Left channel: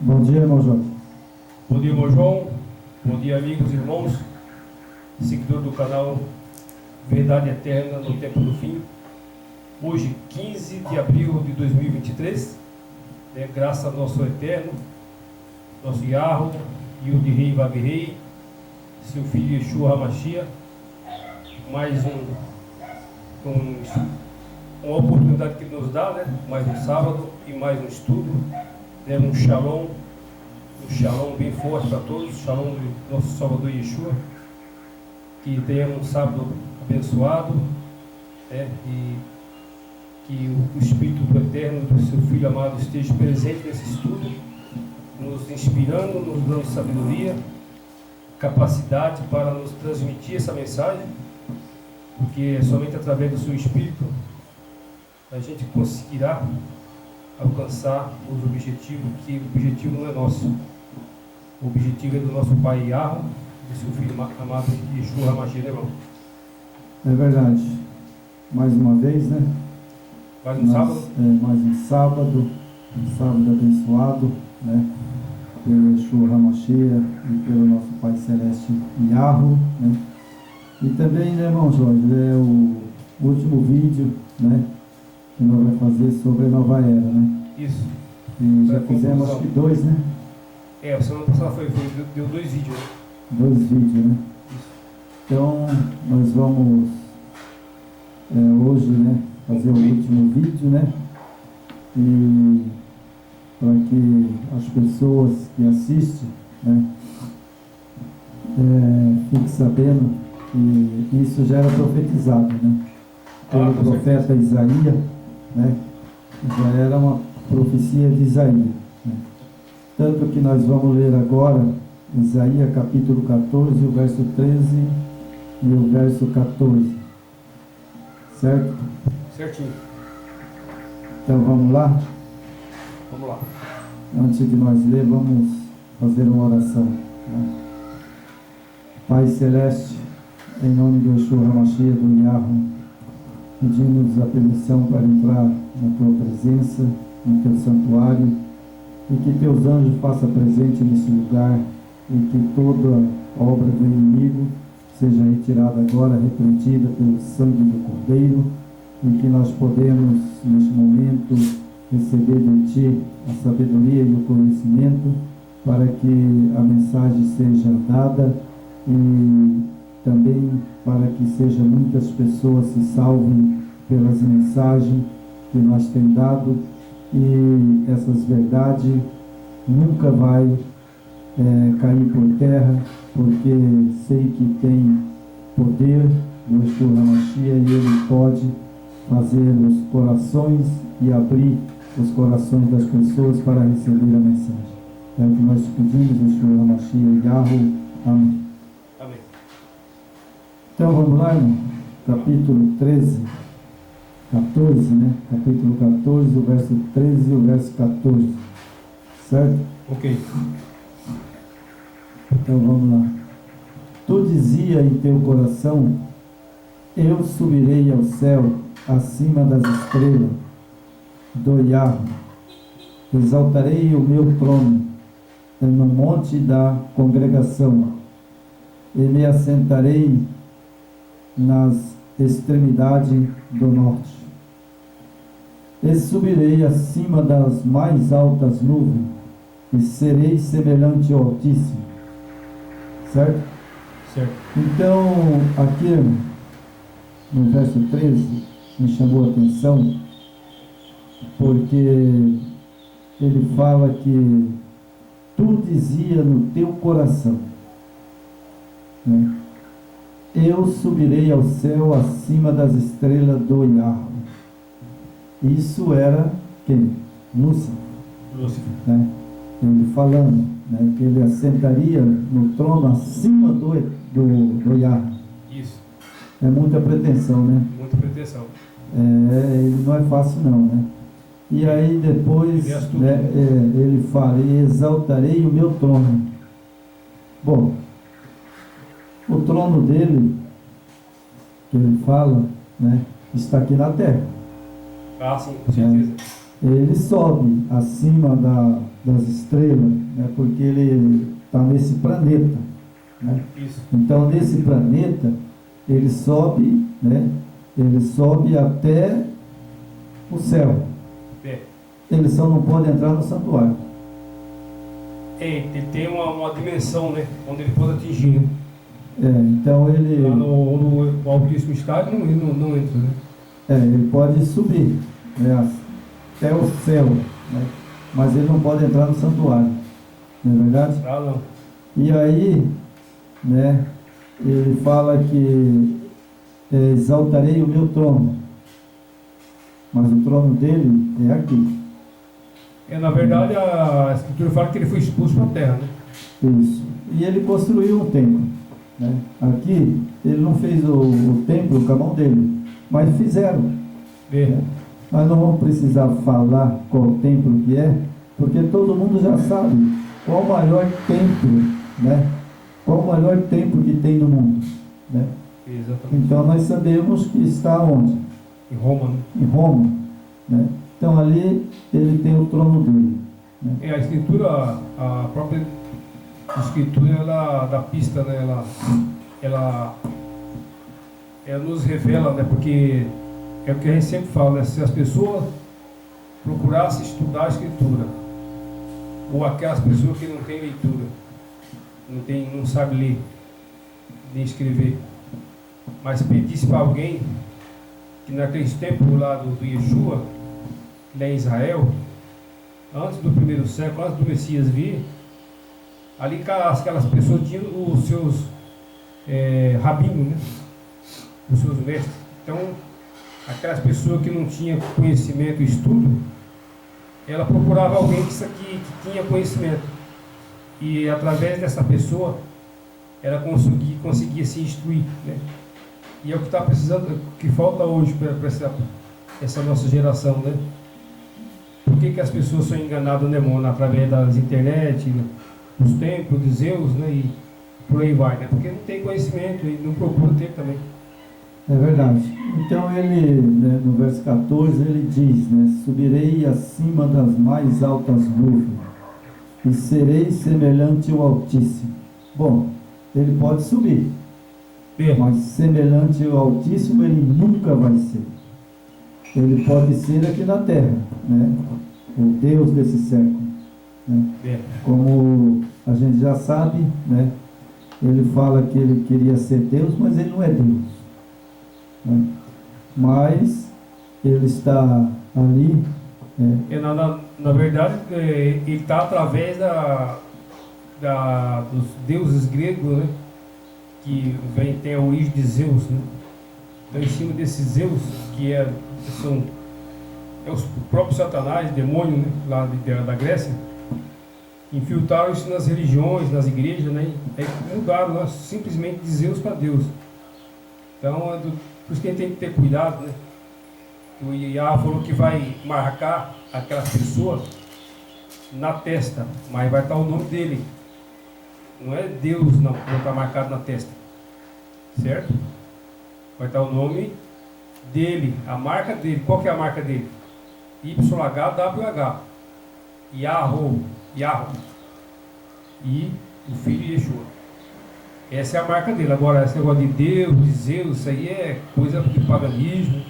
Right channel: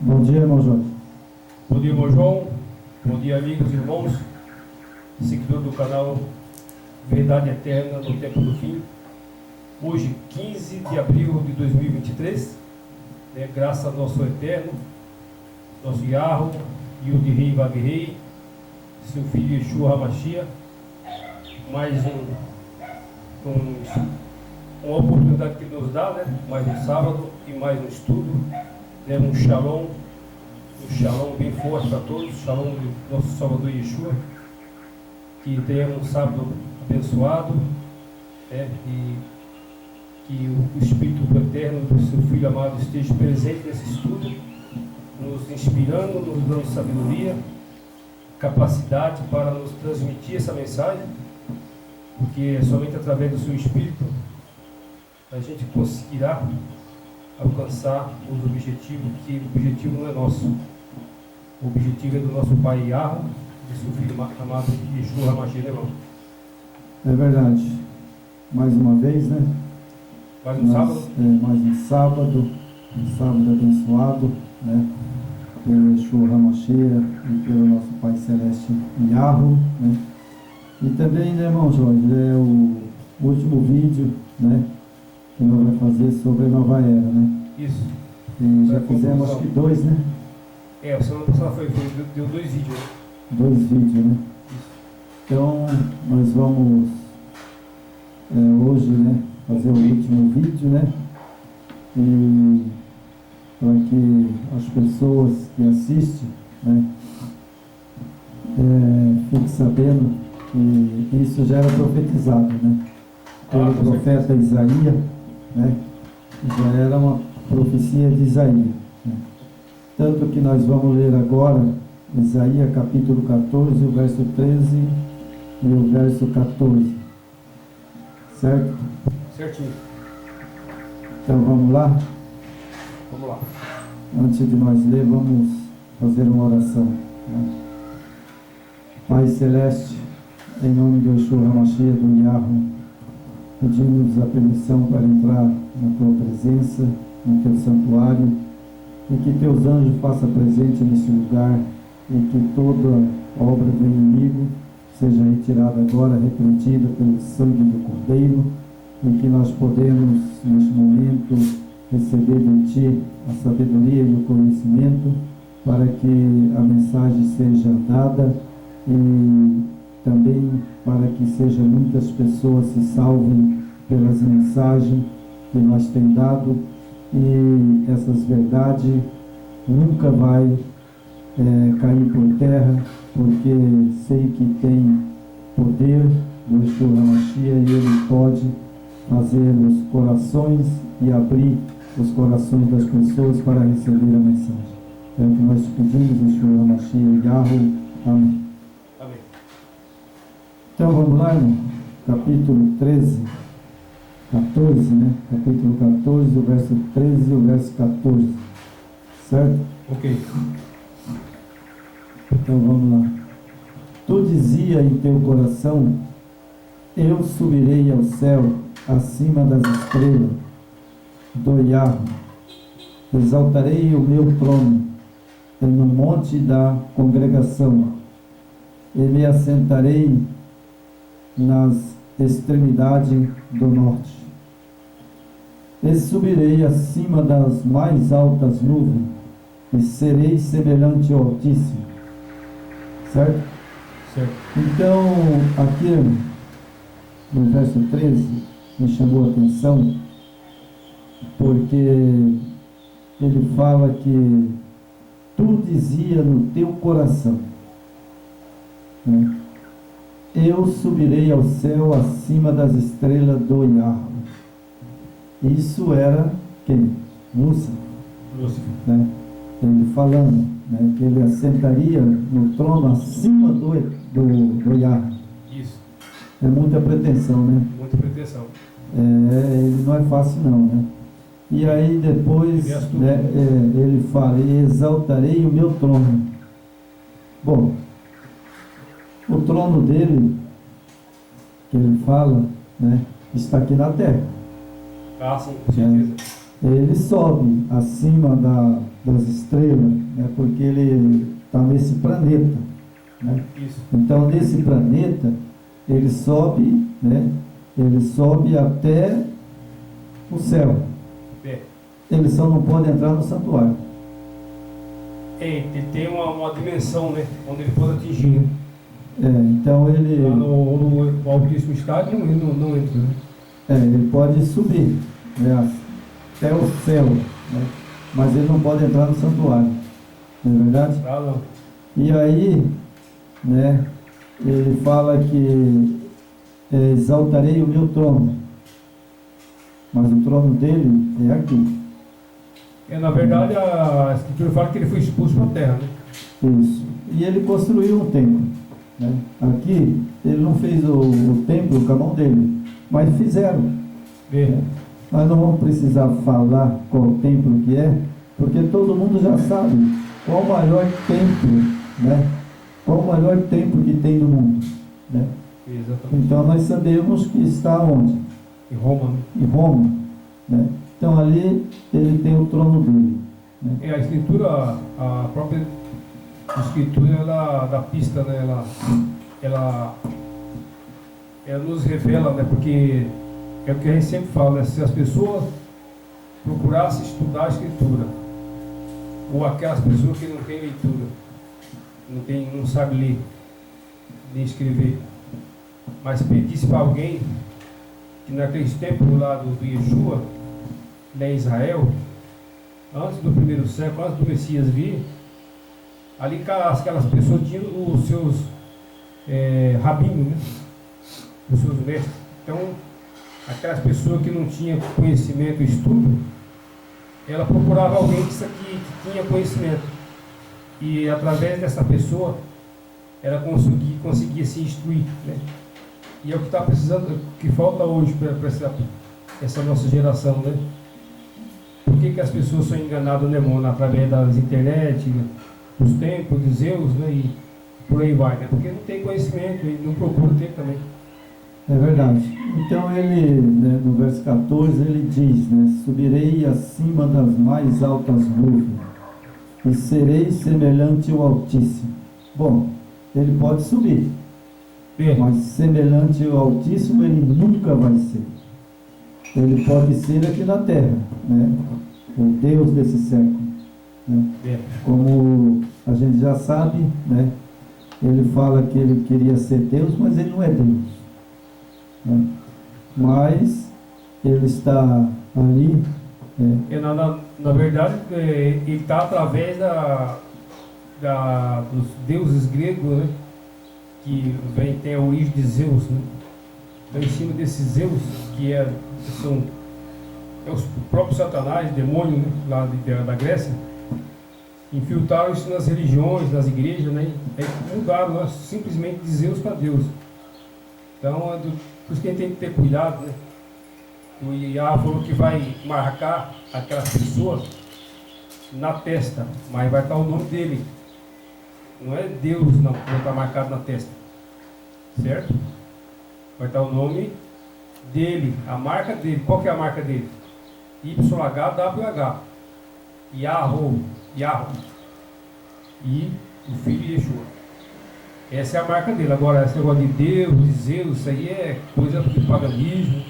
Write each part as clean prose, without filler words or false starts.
Bom dia, irmão Jorge. Bom dia, irmão João. Bom dia, amigos e irmãos, seguidor do canal Verdade Eterna no Tempo do Fim. Hoje, 15 de abril de 2023, graças ao nosso Eterno, nosso Yahweh, Yud-Rei Vav-Rei, seu filho Yeshua HaMashiach, mais uma oportunidade que ele nos dá, mais um sábado e mais um estudo, um shalom bem forte para todos, shalom do nosso Salvador Yeshua, que tenhamos um sábado abençoado, e que o Espírito do Eterno, do seu Filho amado, esteja presente nesse estudo, nos inspirando, nos dando sabedoria, capacidade para nos transmitir essa mensagem, porque é somente através do seu Espírito a gente conseguirá alcançar os objetivos, que o objetivo não é nosso. O objetivo é do nosso Pai Yahweh, do seu Filho amado Yeshua HaMashiach, irmão? É verdade. Mais uma vez, Mais um sábado. Mais um sábado abençoado, pelo Yeshua HaMashiach e pelo nosso Pai Celeste Yahweh, E também, irmão Jorge, é o último vídeo, que nós vamos fazer sobre a nova era, Isso. E já fizemos, acho que 2, a semana passada deu 2 vídeos, 2 vídeos, Isso. Então, nós vamos hoje, fazer o último vídeo, E para que as pessoas que assistem, fiquem sabendo que isso já era profetizado, pelo profeta Isaías, já era uma profecia de Isaías, Tanto que nós vamos ler agora Isaías capítulo 14, o verso 13 e o verso 14. Certo? Certinho. Então vamos lá? Vamos lá. Antes de nós ler, vamos fazer uma oração. Pai Celeste, em nome de Yeshua HaMashiach, do Yahweh, pedimos a permissão para entrar na Tua presença, no Teu santuário, e que Teus anjos façam presente nesse lugar, e que toda obra do inimigo seja retirada agora, repreendida pelo sangue do Cordeiro, e que nós podemos, neste momento, receber de Ti a sabedoria e o conhecimento, para que a mensagem seja dada e também para que sejam muitas pessoas se salvem pelas mensagens que nós temos dado, e essas verdades nunca vai cair por terra, porque sei que tem poder do Yeshua HaMashiach, e Ele pode fazer os corações e abrir os corações das pessoas para receber a mensagem. É o que nós pedimos, Yeshua HaMashiach, Yahweh. Amém. Amém. Então vamos lá, irmão. Capítulo 14, Capítulo 14, o verso 13 e o verso 14. Certo? Ok. Então vamos lá. Tu dizia em teu coração: eu subirei ao céu, acima das estrelas do Yahweh. Exaltarei o meu trono no monte da congregação, e me assentarei nas extremidades do norte. E subirei acima das mais altas nuvens, e serei semelhante ao Altíssimo. Certo? Certo. Então, aqui no verso 13, me chamou a atenção, porque ele fala que tu dizia no teu coração, eu subirei ao céu acima das estrelas do Yahweh. Isso era quem? Lúcifer. Ele falando, que ele assentaria no trono acima do Yahweh. Isso. É muita pretensão, Muita pretensão. Ele não é fácil não, E aí depois, ele fala: e exaltarei o meu trono. Bom, o trono dele, que ele fala, está aqui na terra. Ah, sim, com certeza. ele sobe acima das estrelas, né? Porque ele está nesse planeta, né? Isso. Então, nesse planeta, ele sobe, né? Ele sobe até o céu. É. Ele só não pode entrar no santuário. Ele tem uma dimensão, né? Onde ele pode atingir, né? Então ele... Lá no altíssimo estádio ele não entra, né? ele pode subir, né, até o céu, né? Mas ele não pode entrar no santuário, não é verdade? Ah, não. E aí, né, ele fala que exaltarei o meu trono, mas o trono dele é aqui. Na verdade, a Escritura fala que ele foi expulso para a terra, né? Isso. E ele construiu um templo, né? Aqui, ele não fez o templo com a mão dele, mas fizeram. Né? Nós não vamos precisar falar qual templo que é, porque todo mundo já sabe qual o maior templo, né? Qual o maior templo que tem no mundo, né? Exatamente. Então nós sabemos que está onde? Em Roma, né? Em Roma, né? Então ali ele tem o trono dele, né? A Escritura, a própria Escritura, ela dá pista, né? Ela nos revela, né? Porque é o que a gente sempre fala, né? Se as pessoas procurassem estudar a Escritura, ou aquelas pessoas que não têm leitura, não sabem ler, nem escrever, mas pedisse para alguém que naqueles tempos lá do Yeshua, lá em Israel, antes do primeiro século, antes do Messias vir, ali aquelas pessoas tinham os seus rabinos, né? Os seus mestres. Então, aquelas pessoas que não tinham conhecimento e estudo, ela procurava alguém que tinha conhecimento. E através dessa pessoa, ela conseguia se instruir, né? E é o que está precisando, que falta hoje para essa nossa geração, né? Por que as pessoas são enganadas, né, mano? Através das internet, dos templos de Zeus, né? E por aí vai, né? Porque não tem conhecimento e não procura ter também. É verdade. Então ele, né, no verso 14, ele diz, né? Subirei acima das mais altas nuvens e serei semelhante ao Altíssimo. Bom, ele pode subir, mas semelhante ao Altíssimo ele nunca vai ser. Ele pode ser aqui na terra, né? O Deus desse século, né? Como a gente já sabe, né? Ele fala que ele queria ser Deus, mas ele não é Deus, né? Mas ele está ali, né? Na verdade, ele está através dos deuses gregos, né? Que tem a origem de Zeus, né? Então, em cima desses Zeus, que são os próprios Satanás, demônio, né? Lá da Grécia, infiltraram isso nas religiões, nas igrejas, né? E mudaram, né? Simplesmente de Zeus para Deus. Então, por isso que a gente tem que ter cuidado, né? O Iá falou que vai marcar aquelas pessoas na testa, mas vai estar o nome dele. Não é Deus, não, que vai estar marcado na testa. Certo? Vai estar o nome dele, a marca dele. Qual que é a marca dele? YHWH. Yahoo. E o filho de Yeshua. Essa é a marca dele. Agora, esse negócio de Deus, de Zeus, isso aí é coisa de paganismo,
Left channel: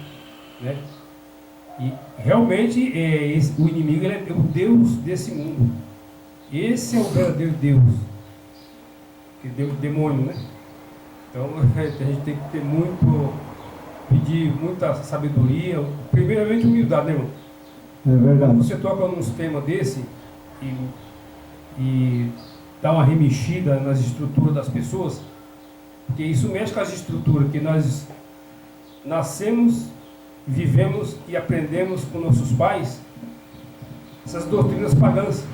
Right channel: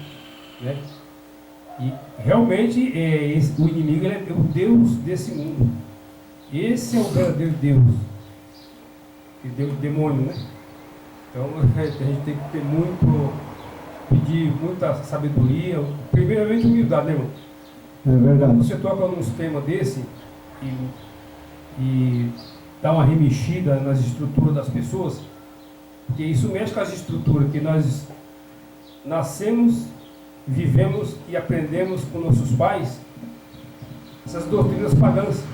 né? E realmente o inimigo ele é o Deus desse mundo. Esse é o verdadeiro Deus. Que Deus, demônio, né? Então a gente tem que pedir muita sabedoria, primeiramente humildade, né, irmão? É verdade. Quando você toca num tema desse e dá uma remexida nas estruturas das pessoas, porque isso mexe com as estruturas que nós nascemos, vivemos e aprendemos com nossos pais, essas doutrinas pagãs,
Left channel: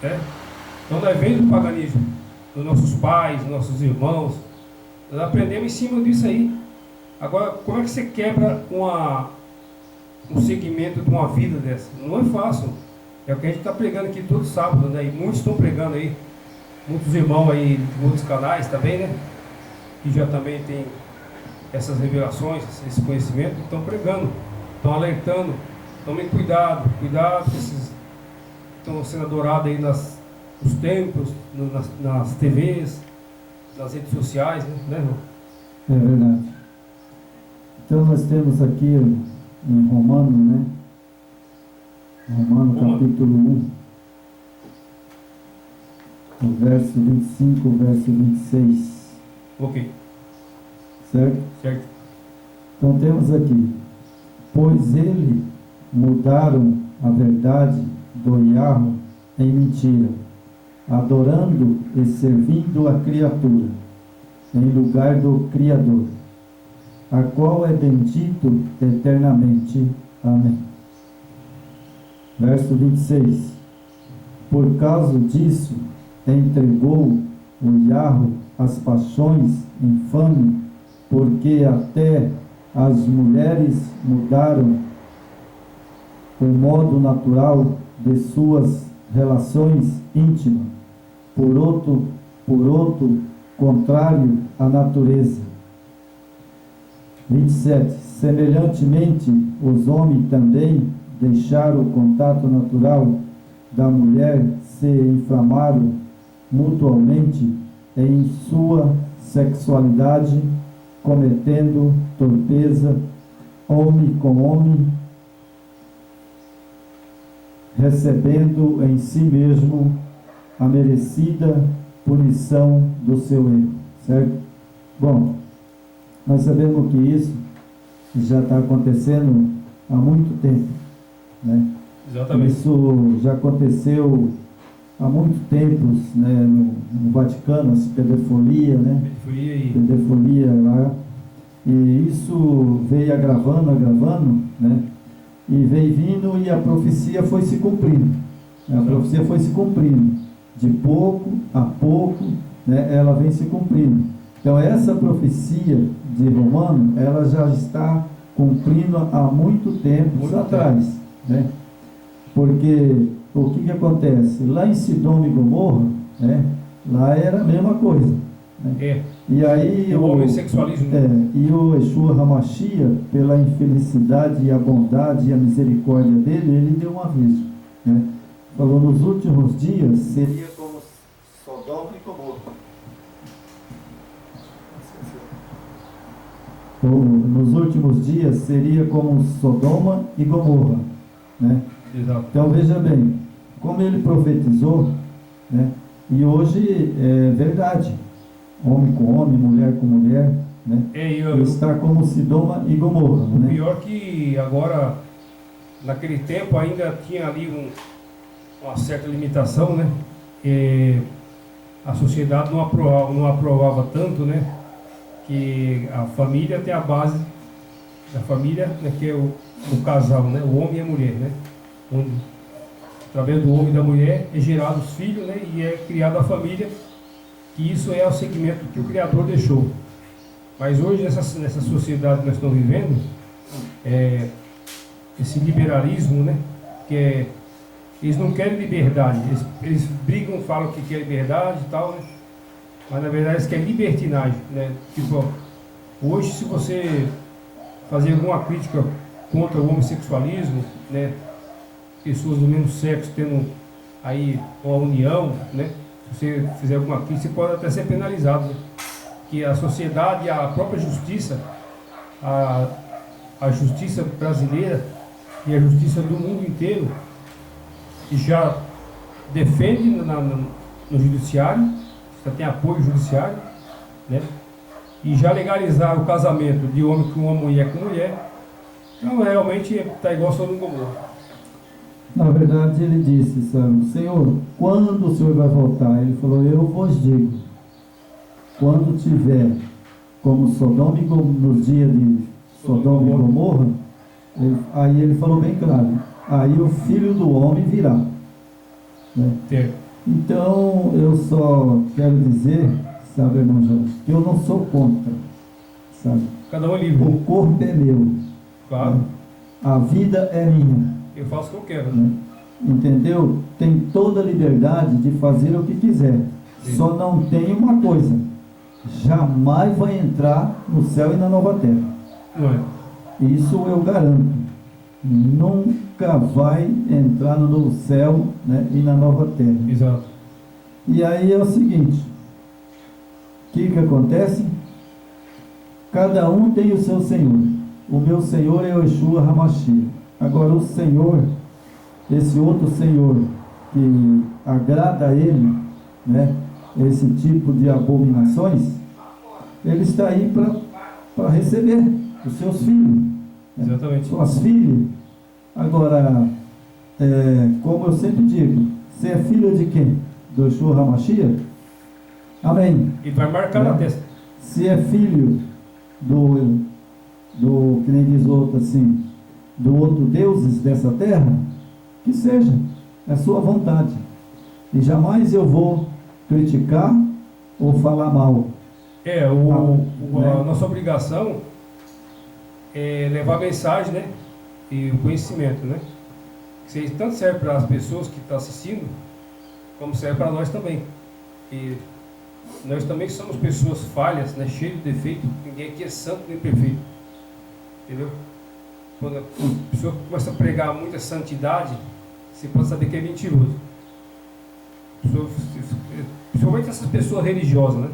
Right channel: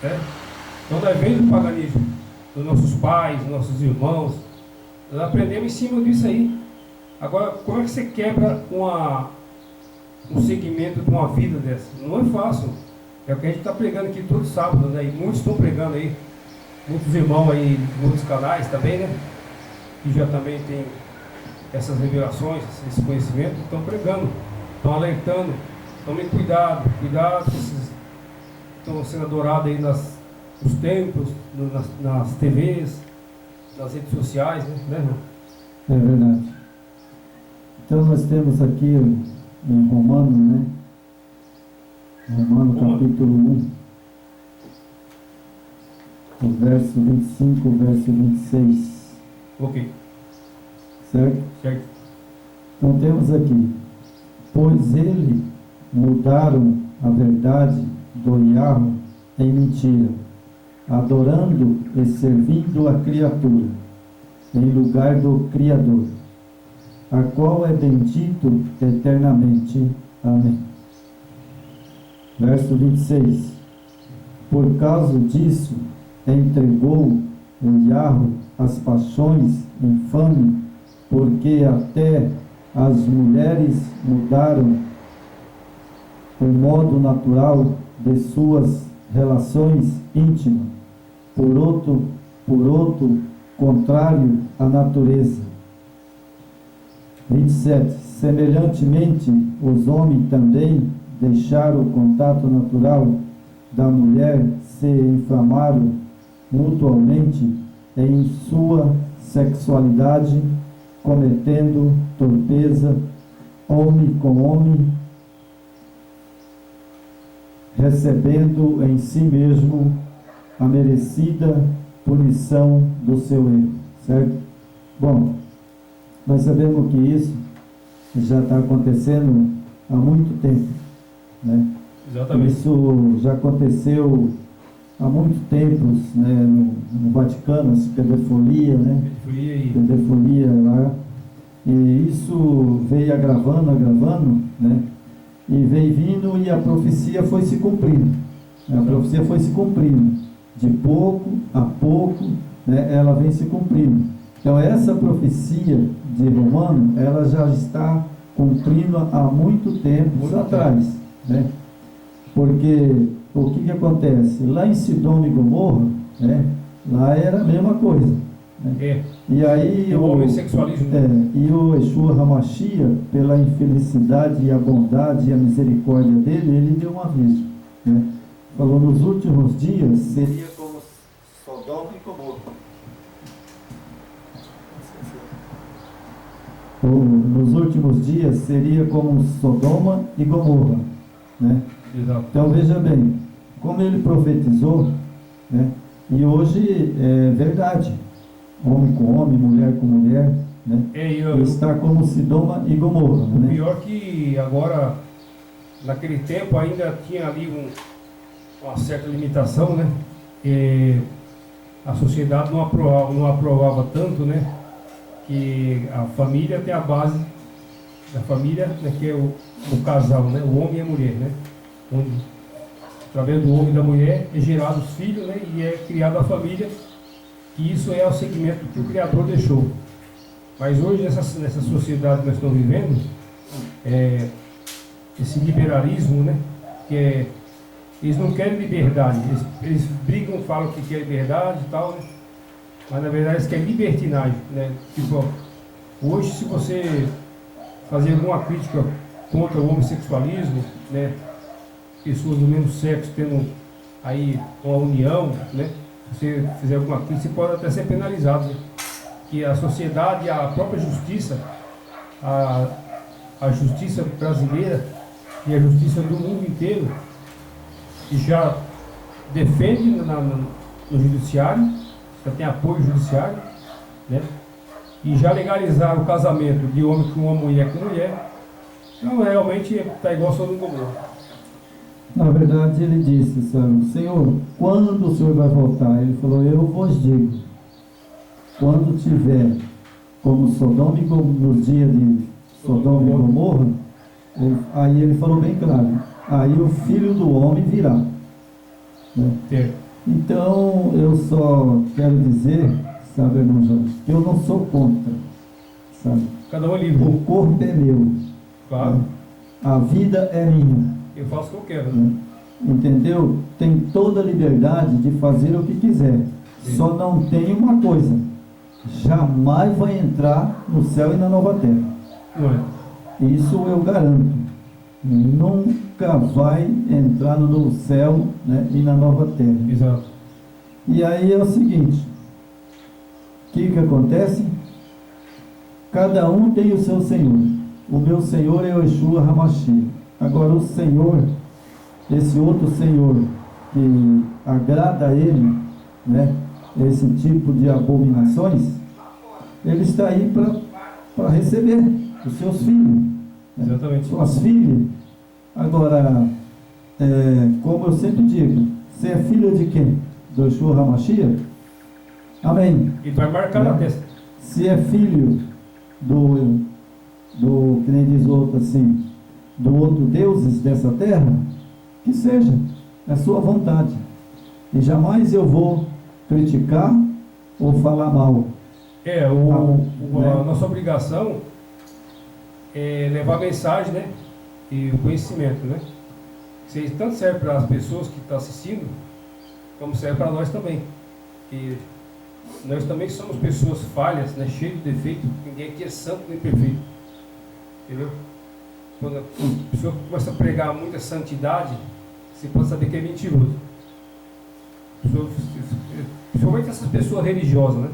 né? Então nós vemos do paganismo, dos nossos pais, nossos irmãos, nós aprendemos em cima disso aí. Agora, como é que você quebra um segmento de uma vida dessa? Não é fácil. É o que a gente está pregando aqui todo sábado, né? E muitos estão pregando aí, muitos irmãos aí de outros canais também, né? Que já também tem essas revelações, esse conhecimento, estão pregando, estão alertando tomem cuidado que esses estão sendo adorados aí nos templos, nas TVs, nas redes sociais, né, irmão? É verdade. Então nós temos aqui em Romano, né? Romano capítulo 1, o verso 25, o verso 26. Ok. Certo? Certo. Então temos aqui: pois ele mudaram a verdade do Yahweh em mentira, adorando e servindo a criatura, em lugar do Criador, a qual é bendito eternamente. Amém. Verso 26. Por causa disso, entregou o Yahweh às paixões infames, porque até as mulheres mudaram o modo natural de suas relações íntimas, por outro contrário à natureza. 27. Semelhantemente, os homens também deixaram o contato natural da mulher, se inflamaram mutuamente em sua sexualidade, cometendo torpeza, homem com homem, recebendo em si mesmo a merecida punição do seu erro. Certo? Bom, nós sabemos que isso já está acontecendo há muito tempo, né? Exatamente. Isso já aconteceu há muito tempo, né, no Vaticano, as pedofilia, né? Pedofilia lá. E isso veio agravando, né? E veio vindo e a profecia foi se cumprindo. A profecia foi se cumprindo. De pouco a pouco, né, ela vem se cumprindo. Então essa profecia de Romano, ela já está cumprindo há muito tempo atrás, né? Porque o que acontece? Lá em Sodoma e Gomorra, né, lá era a mesma coisa, né? E aí o homossexualismo. E o Yeshua HaMashiach, pela infelicidade e a bondade e a misericórdia dele, ele deu um aviso, né? Falou: nos últimos dias seria como Sodoma e Gomorra. Nos últimos dias seria como Sodoma e Gomorra, né? Exato. Então veja bem, como ele profetizou, né? E hoje é verdade, homem com homem, mulher com mulher, né? Está como Sodoma e Gomorra, né? Pior que agora, naquele tempo ainda tinha ali uma certa limitação, né? E a sociedade não aprovava tanto, né? Que a família tem a base da família, né? Que é o casal, né? O homem e a mulher, né? Onde, através do homem e da mulher, é gerado os filhos, né? E é criada a família, que isso é o segmento que o Criador deixou. Mas hoje, nessa sociedade que nós estamos vivendo, esse liberalismo, né? Que eles não querem liberdade, eles brigam, falam que quer liberdade e tal, né? Mas na verdade eles querem libertinagem, né? Tipo, hoje, se você fazer alguma crítica contra o homossexualismo, né? Pessoas do mesmo sexo tendo aí uma união, né? Se você fizer alguma crítica, você pode até ser penalizado, né? Que a sociedade, a própria justiça, a justiça brasileira e a justiça do mundo inteiro já defende no judiciário, já tem apoio judiciário, né? E já legalizaram o casamento de homem com uma mulher com mulher. Então realmente está igual Sodoma e Gomorra. Na verdade ele disse, sabe, Senhor, quando o Senhor vai voltar? Ele falou: eu vos digo, quando tiver como Sodoma e Gomorra, nos dias de Sodoma e Gomorra, aí ele falou bem claro: aí o Filho do Homem virá, né? Então eu só quero dizer, sabe, irmão Jorge, que eu não sou contra, sabe? Cada um é livre. O corpo é meu, claro, né? A vida é minha. Eu faço o que eu quero, né? Entendeu? Tem toda a liberdade de fazer o que quiser. Sim. Só não tem uma coisa: jamais vai entrar no céu e na nova terra. Não é? Isso eu garanto. nunca vai entrar no novo céu, né, e na nova terra. Exato. E aí é o seguinte, o que acontece? Cada um tem o seu Senhor. O meu Senhor é o Yeshua HaMashiach. Agora o Senhor, esse outro Senhor que agrada a ele, né, esse tipo de abominações, ele está aí para receber os seus filhos. Exatamente. Suas filhas. Agora, como eu sempre digo, você é filha de quem? Do Yeshua HaMashiach? Amém. E vai marcar na testa. Se é filho do que nem diz outro assim, do outro deuses dessa terra, que seja, é sua vontade. E jamais eu vou criticar ou falar mal. A nossa obrigação é levar a mensagem, né? E o conhecimento, né? Que seja, tanto serve para as pessoas que estão assistindo, como serve para nós também. Que nós também somos pessoas falhas, né? Cheias de defeito. Ninguém aqui é santo nem perfeito. Entendeu? Quando a pessoa começa a pregar muita santidade, você pode saber que é mentiroso. Principalmente essas pessoas religiosas, né?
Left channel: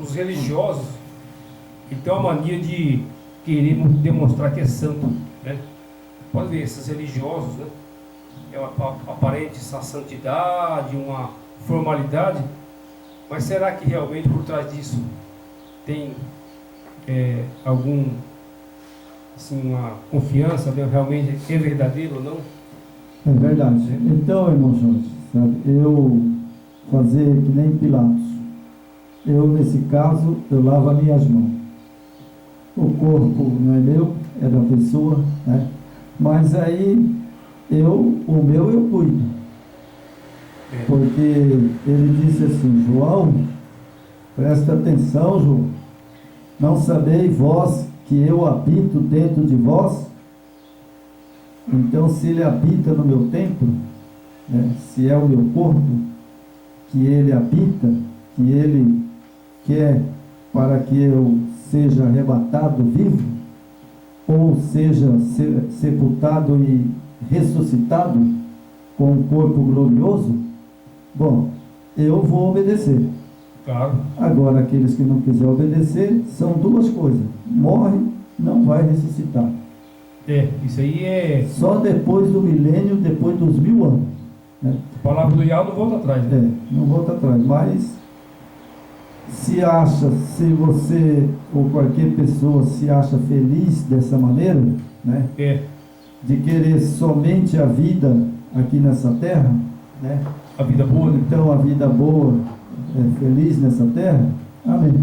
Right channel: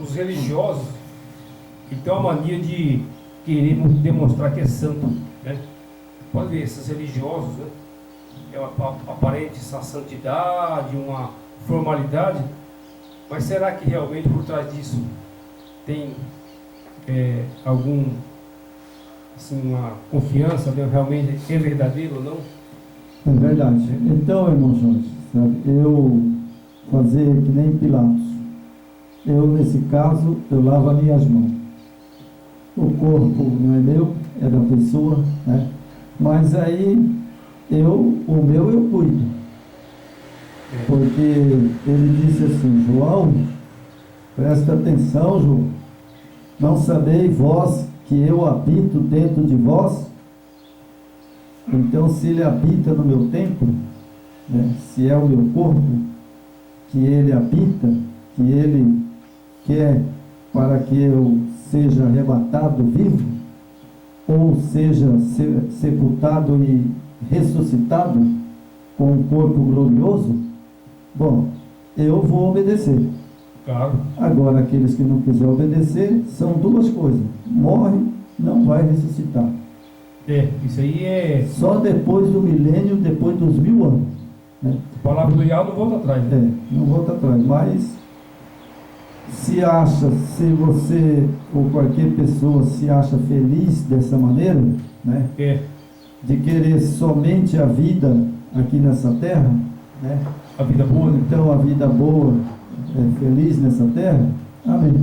Os religiosos, eles têm uma mania de querer demonstrar que é santo, né? Pode ver, esses religiosos, né? É uma aparente santidade, uma formalidade, mas será que realmente por trás disso tem algum, assim, uma confiança, né? Realmente é verdadeiro ou não? É verdade. Então, irmão Jorge, sabe, eu fazer que nem Pilatos. Eu, nesse caso, eu lavo as minhas mãos. O corpo não é meu, é da pessoa, né? Mas aí, o meu eu cuido. Porque ele disse assim, João, presta atenção, João. Não sabeis vós que eu habito dentro de vós? Então, se ele habita no meu templo, né, se é o meu corpo que ele habita, que ele quer para que eu seja arrebatado vivo, ou seja sepultado e ressuscitado com um corpo glorioso, bom, eu vou obedecer. Claro. Agora, aqueles que não quiserem obedecer, são duas coisas: morre, não vai ressuscitar. Isso aí é... Só depois do milênio, depois dos 1000 anos, né? A palavra do Yahweh não volta atrás, né? Não volta atrás, mas se você ou qualquer pessoa se acha feliz dessa maneira, né? De querer somente a vida aqui nessa terra, né? A vida boa, né? Então a vida boa, feliz nessa terra, amém.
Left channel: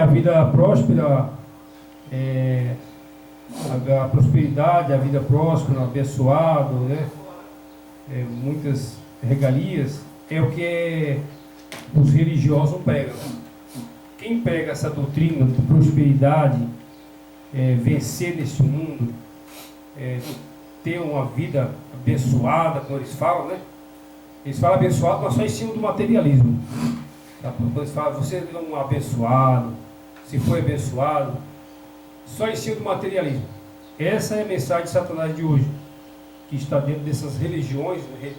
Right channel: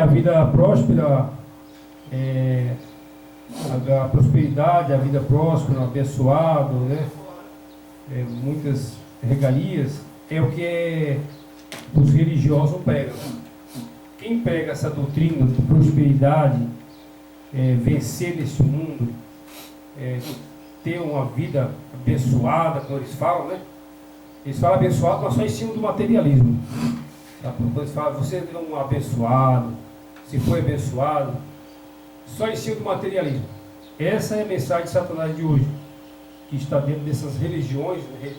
A vida próspera, a prosperidade, a vida próspera, abençoado, né? Muitas regalias, é o que os religiosos não pregam. Quem prega essa doutrina de prosperidade, vencer nesse mundo, ter uma vida abençoada, como eles falam, né? Eles falam abençoado, mas só em cima do materialismo. Tá? Quando eles falam, você é um abençoado, se foi abençoado, só em cima do materialismo. Essa é a mensagem de Satanás de hoje, que está dentro dessas religiões, né?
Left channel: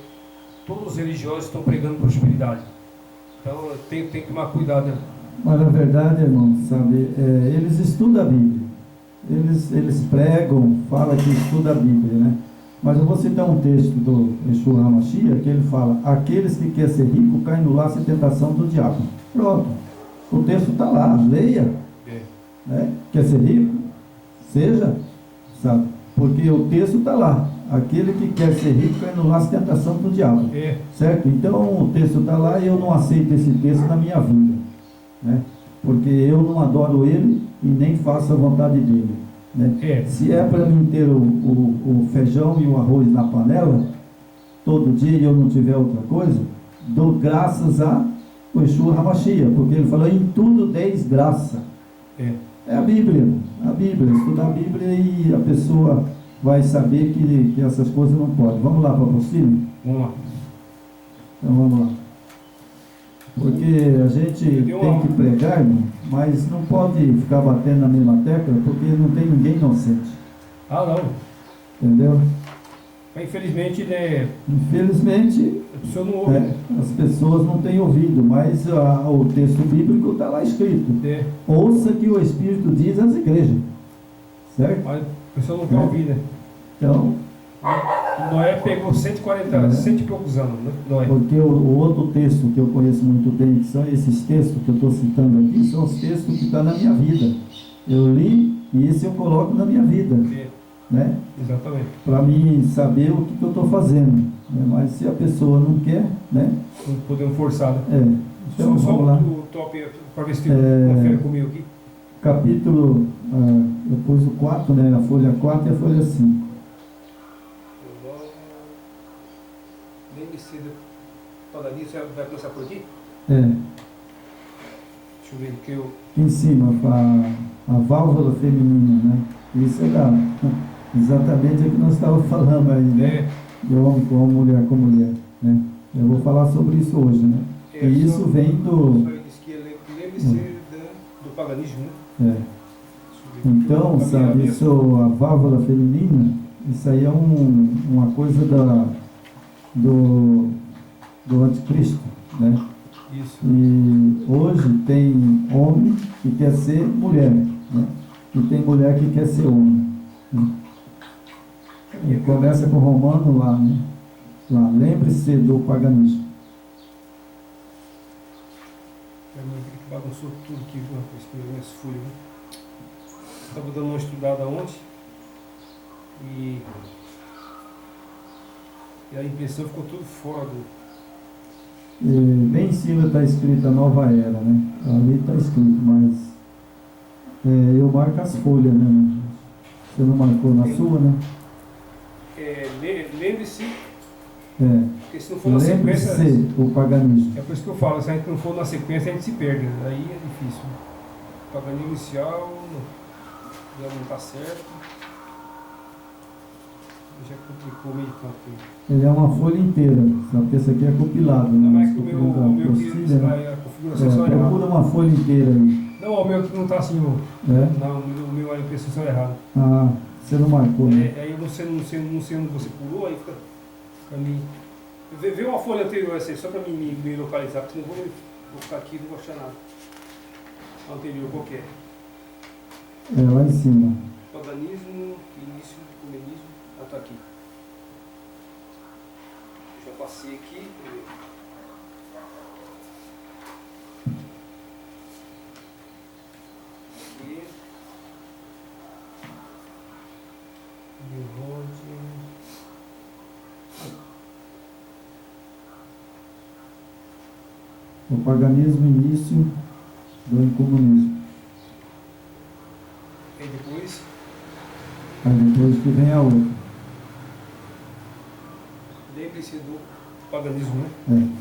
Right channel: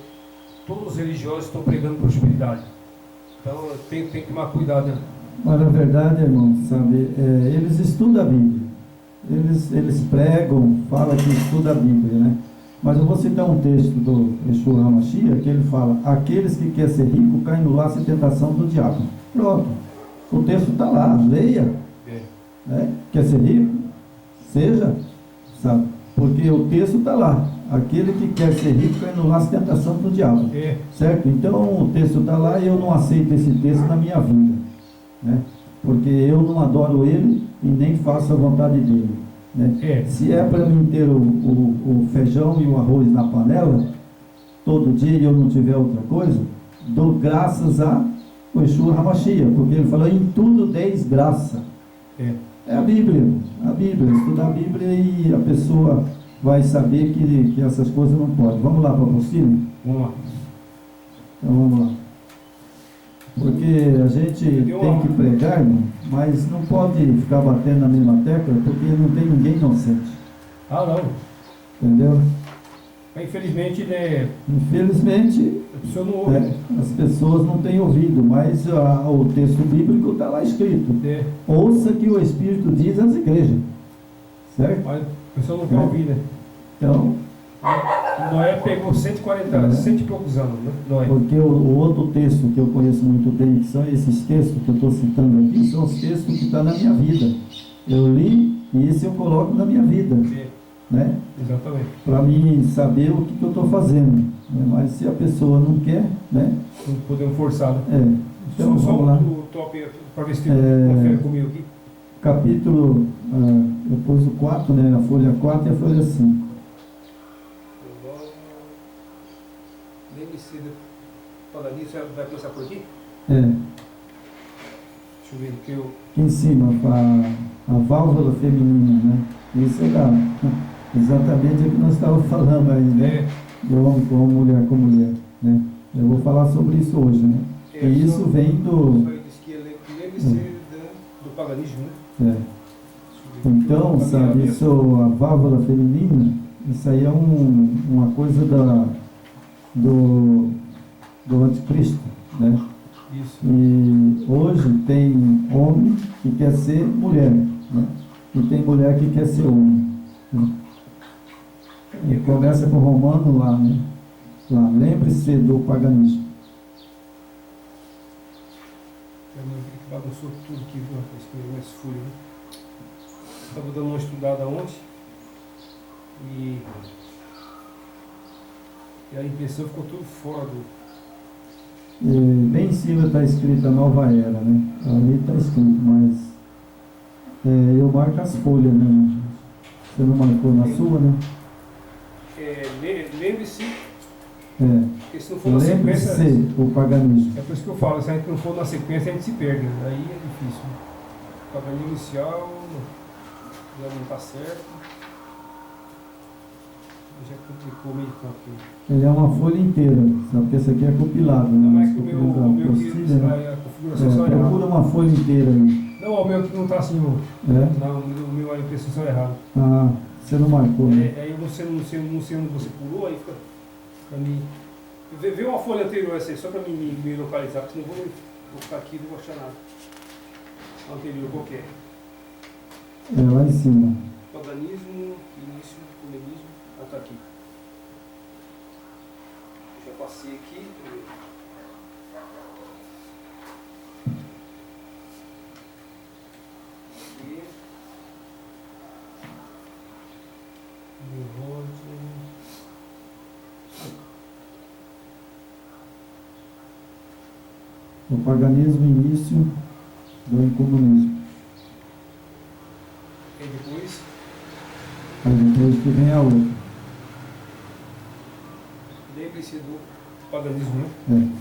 Todos os religiosos estão pregando prosperidade. Então tem que tomar cuidado, né? Mas na verdade, irmão, sabe, eles estudam a Bíblia. Eles pregam, falam que estudam a Bíblia, né? Mas eu vou citar um texto do Yeshua HaMashiach, que ele fala: aqueles que querem ser ricos caem no laço e tentação do diabo. Pronto. O texto está lá, leia. Né? Quer ser rico? Seja, sabe? Porque o texto está lá. Aquele que quer ser rico cai no laço e tentação do diabo. Certo? Então o texto está lá e eu não aceito esse texto na minha vida, né? Porque eu não adoro ele e nem faço a vontade dele, né? Se é para mim ter o feijão e o arroz na panela todo dia e eu não tiver outra coisa, dou graças a Yeshua HaMashiach, porque ele falou: em tudo deis graça. É a Bíblia, estudar a Bíblia e a pessoa vai saber que essas coisas não podem. Vamos lá para o apostilo? Vamos lá. Então vamos lá. Porque a gente tem que pregar, irmão, mas não pode ficar batendo na mesma tecla, porque não tem ninguém inocente. Ah, não. Entendeu? Mas infelizmente, Infelizmente, a pessoa não ouve. as pessoas não têm ouvido, mas o texto bíblico está lá escrito. Ouça que o Espírito diz às igrejas. Certo? Mas a pessoa não quer ouvir, né? Então, Noé pegou 140, cento e poucos anos, né? Noé. porque o outro texto que eu conheço muito bem, que são esses textos que eu estou citando aqui, são os textos que estão na minha vida. Eu li e esse eu coloco na minha vida. Né? Exatamente. Para mim saber o que eu estou fazendo. Né? Mas se a pessoa não quer, né? Não podemos forçar, né? Então, só vamos lá. O top para ver se confere comigo aqui. Capítulo, eu pus o 4, né? A folha 4 e a folha 5. Lembre-se do paganismo, vai começar por aqui? Deixa eu ver que eu... Aqui em cima, a válvula feminina, né? Isso é exatamente o que nós estávamos falando aí, né? De homem com homem, mulher com mulher, né? Eu vou falar sobre isso hoje, né? E isso vem do... Lembre-se do paganismo, né? Então, sabe, isso, a válvula feminina, isso aí é uma coisa do anticristo, né? Isso. E hoje tem homem que quer ser mulher, né? E tem mulher que quer ser homem, né? E começa com o Romano lá, né? Lá, lembre-se do paganismo. Que bagunçou tudo aqui, minhas folhas, né? Estava dando uma estudada ontem e a impressão ficou tudo fora do... E bem em cima está escrito a nova era, né? Ali está escrito, mas eu marco as folhas, né? Você não marcou na sua, né? Lembre-se, porque se não for na lembre-se sequência... o paganismo. É por isso que eu falo, se a gente não for na sequência, a gente se perde, aí é difícil. O paganismo inicial já não está certo. Já complicou meio campo aqui. Ele é uma folha inteira, sabe? Porque esse aqui é compilado, né? Não, mas que o meu que a configuração só errada. Procura uma folha inteira aí. Não, o meu que não está assim, irmão. Não, o meu a impressão só errada. Ah, você não marcou, né? Aí você não sei onde você pulou, aí fica me... Vê uma folha anterior essa aí, só para me localizar, porque senão vou ficar aqui e não vou achar nada. A anterior qualquer. Lá em cima. Paganismo, início, comunismo. Ah, tá aqui. Já passei aqui. Aqui. O paganismo, início do incomunismo. E depois? Aí depois que vem a outra. Lembre-se do paganismo, né?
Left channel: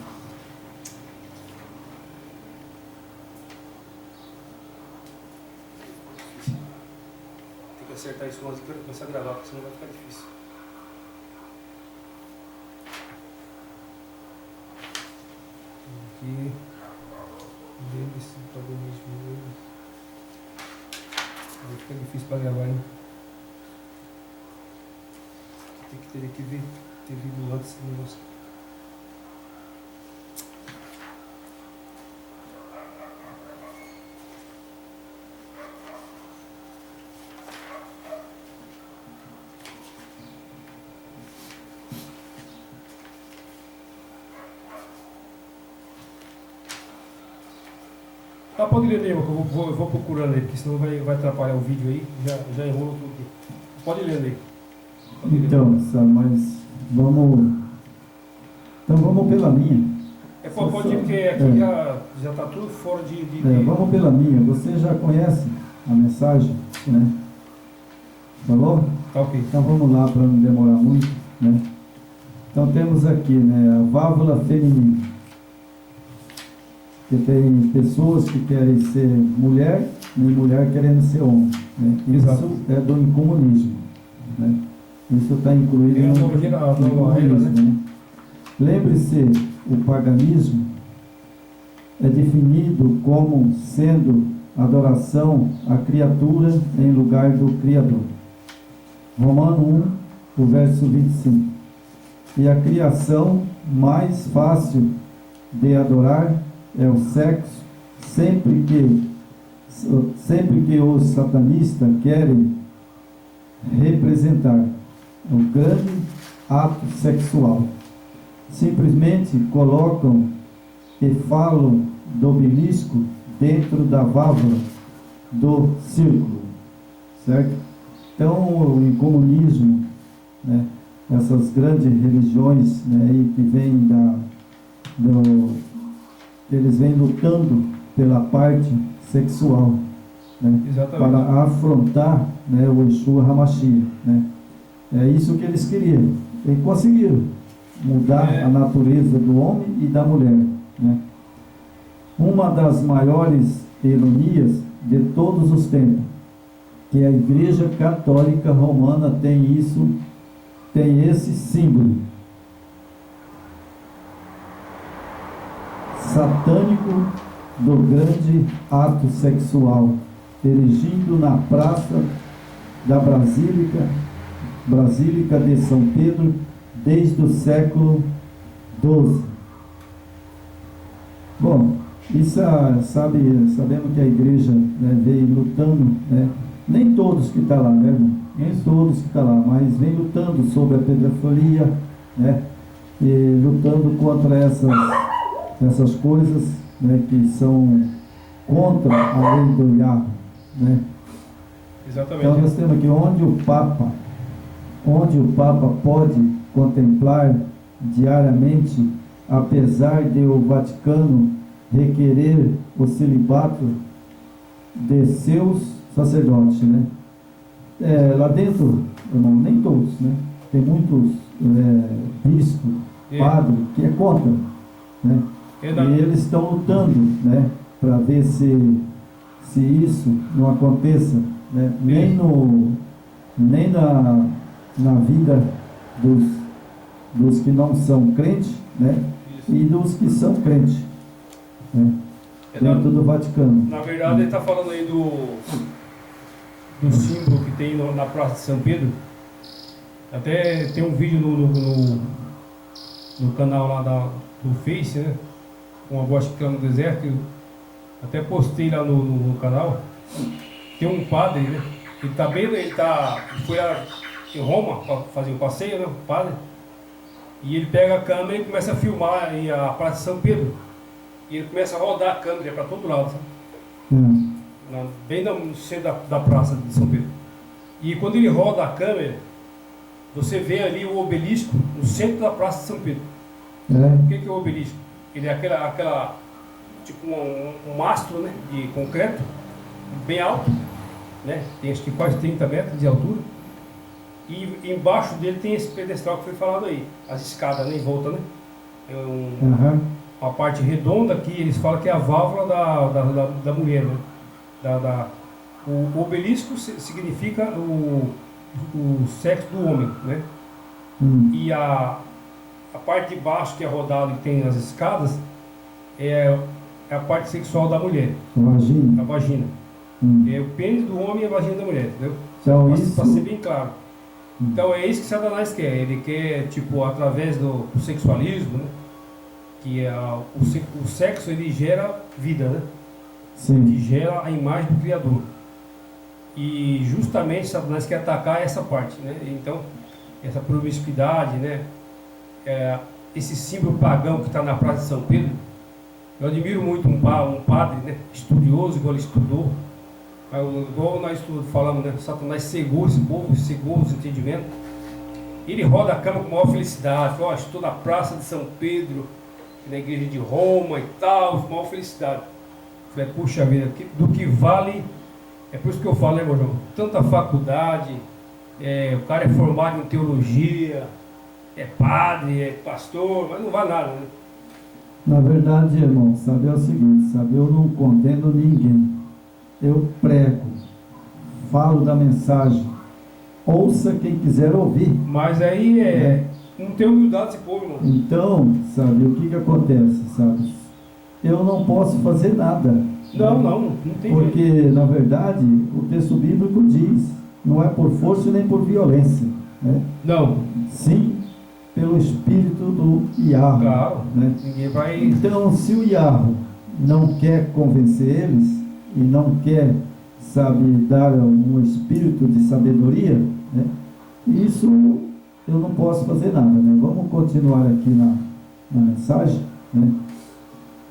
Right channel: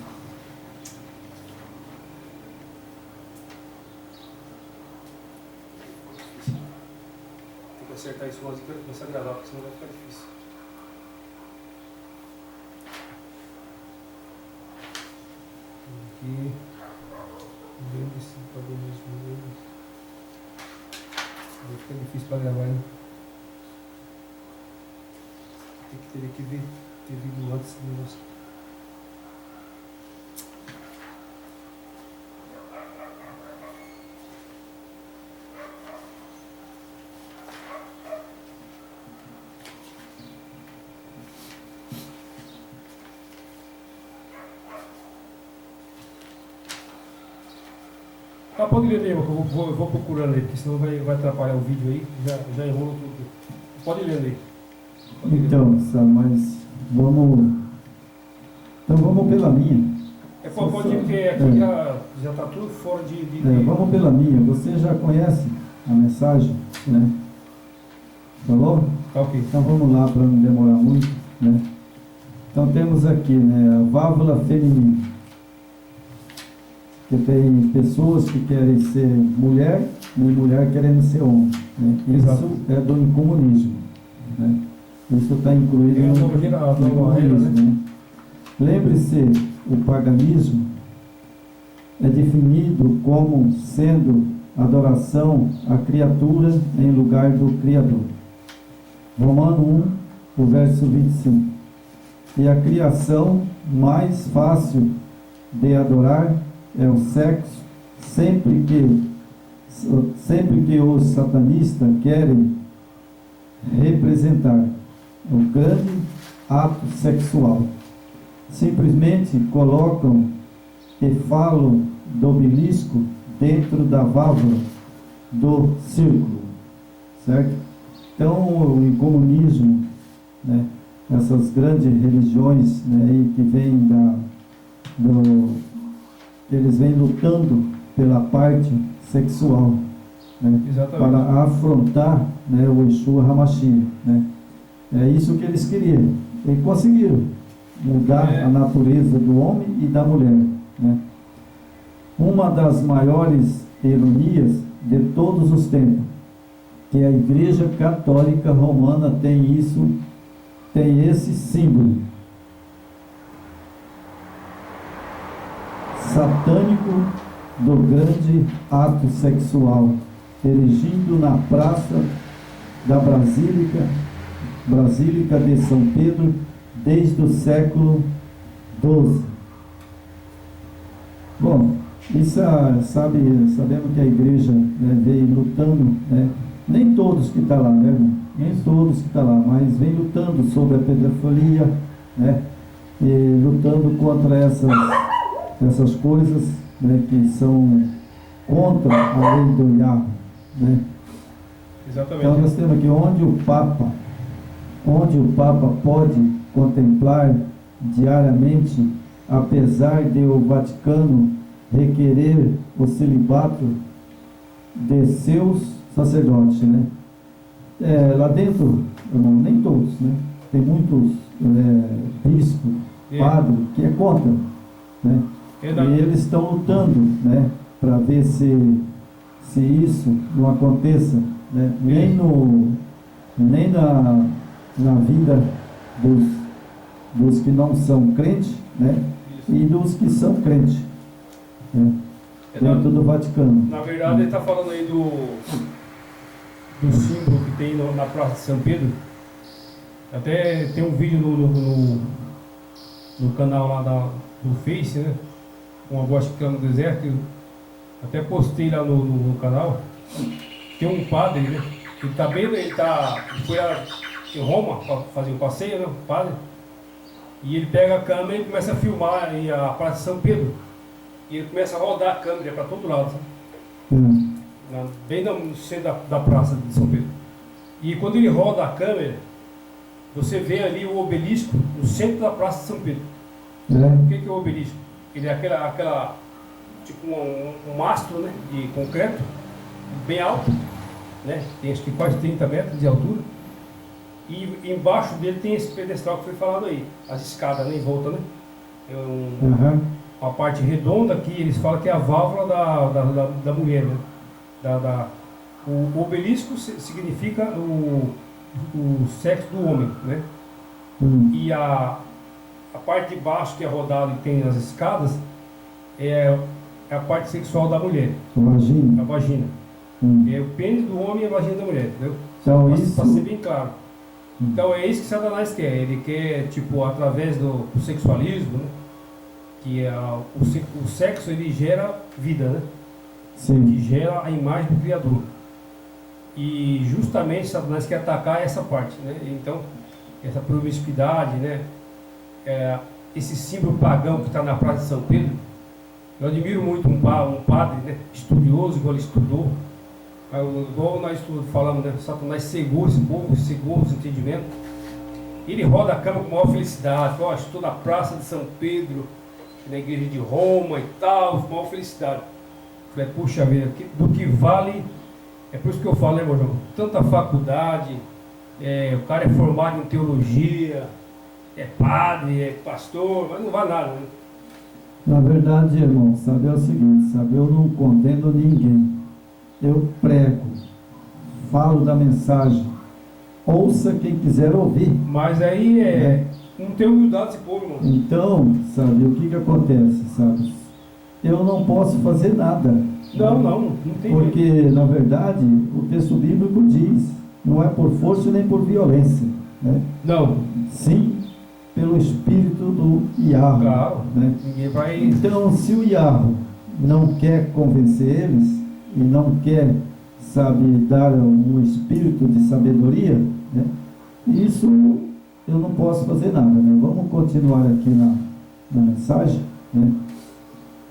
Tem que acertar isso antes de começar a gravar, porque senão vai ficar difícil. Aqui. Lembre-se do paganismo. Vai ficar difícil para gravar, hein? Teria que ver, ter vindo antes do negócio. Pode ler, Neil, que eu vou procurando aí, porque senão vai atrapalhar o vídeo aí, já enrola tudo aqui. Pode ler aí. Então, mas vamos pela minha. Pode ir, porque aqui já está tudo fora de... Vamos pela minha. Você já conhece a mensagem, né? Falou? Tá ok. Então vamos lá para não demorar muito, né? Então temos aqui, né, a válvula feminina. Que tem pessoas que querem ser mulher e mulher querendo ser homem, né? Isso é do incomunismo, né? Isso está incluído no comunismo, né? Lembre-se, o paganismo é definido como sendo adoração à criatura em lugar do Criador. Romano 1, o verso 25. E a criação mais fácil de adorar é o sexo, sempre que os satanistas querem representar o grande ato sexual. Simplesmente colocam e falam do obelisco dentro da válvula do círculo, certo? Então, o comunismo, né, essas grandes religiões, né, aí que vêm eles vêm lutando pela parte sexual, né, para afrontar, né, o Yeshua HaMashiach, né? É isso que eles queriam e conseguiram mudar a natureza do homem e da mulher, né? Uma das maiores ironias de todos os tempos, que a Igreja Católica Romana tem esse símbolo satânico do grande ato sexual, erigindo na praça da Basílica de São Pedro desde o século XII. Bom, isso sabemos que a igreja, né, veio lutando, né? Nem todos que estão lá, né, irmão? Nem todos que estão lá, mas vem lutando sobre a pedofilia, né? E lutando contra essas coisas, né, que são contra a lei do Yahweh, né? Exatamente. Então nós temos aqui onde o Papa pode contemplar diariamente, apesar de o Vaticano requerer o celibato de seus sacerdotes, né? Lá dentro, irmão, nem todos, né? Tem muitos bispos, padres, que é contra, né? E eles estão lutando, né, para ver se isso não aconteça, né? Nem na vida dos que não são crentes, né? E dos que são crentes, né? Dentro do Vaticano. Na verdade, ele está falando aí do símbolo que tem na Praça de São Pedro. Até tem um vídeo no canal lá do Face, né? Uma voz que clama no deserto. Eu até postei lá no canal. Tem um padre, né? Ele foi em Roma para fazer um passeio, né? Um padre. E ele pega a câmera e começa a filmar aí a Praça de São Pedro. E ele começa a rodar a câmera para todo lado, sabe? Bem no centro da Praça de São Pedro. E quando ele roda a câmera, você vê ali o obelisco no centro da Praça de São Pedro. O que é o obelisco? Ele é aquela tipo um mastro, né, de concreto, bem alto, né? Tem acho que quase 30 metros de altura. E embaixo dele tem esse pedestal que foi falado aí, as escadas, né, em volta, né? Uma parte redonda que eles falam que é a válvula da mulher, né? O obelisco significa o sexo do homem, né? E a parte de baixo que é rodada e tem as escadas é a parte sexual da mulher. A vagina. É o pênis do homem e a vagina da mulher, entendeu? Então, para ser bem claro. Então é isso que Satanás quer. Ele quer, tipo, através do sexualismo, né? Que o sexo ele gera vida, né? Sim. Que gera a imagem do Criador. E justamente Satanás quer atacar essa parte, né? Então, essa promiscuidade, né? Esse símbolo pagão que está na Praça de São Pedro. Eu admiro muito um padre, né? Estudioso, igual ele estudou. Igual nós falamos, né? Satanás cegou esse povo, cegou os entendimentos. Ele roda a cama com maior felicidade. Ó, estou na Praça de São Pedro, na igreja de Roma e tal, com maior felicidade. Falei, puxa vida, do que vale, é por isso que eu falo, né, meu irmão? Tanta faculdade, o cara é formado em teologia, é padre, é pastor, mas não vale nada, né? Na verdade, irmão, sabe, é o seguinte, sabe, eu não condeno ninguém. Eu prego, falo da mensagem, ouça quem quiser ouvir. Mas aí não tem humildade esse povo, irmão. Então, sabe, o que acontece, sabe? Eu não posso fazer nada. Não tem porque, na verdade, o texto bíblico diz não é por força nem por violência, né? Não, Sim pelo espírito do Yahweh, claro, né? ninguém vai. Então, se o Yahweh não quer convencer eles e não quer, sabe, dar um espírito de sabedoria, né? Isso eu não posso fazer nada, né? Vamos continuar aqui na mensagem, né?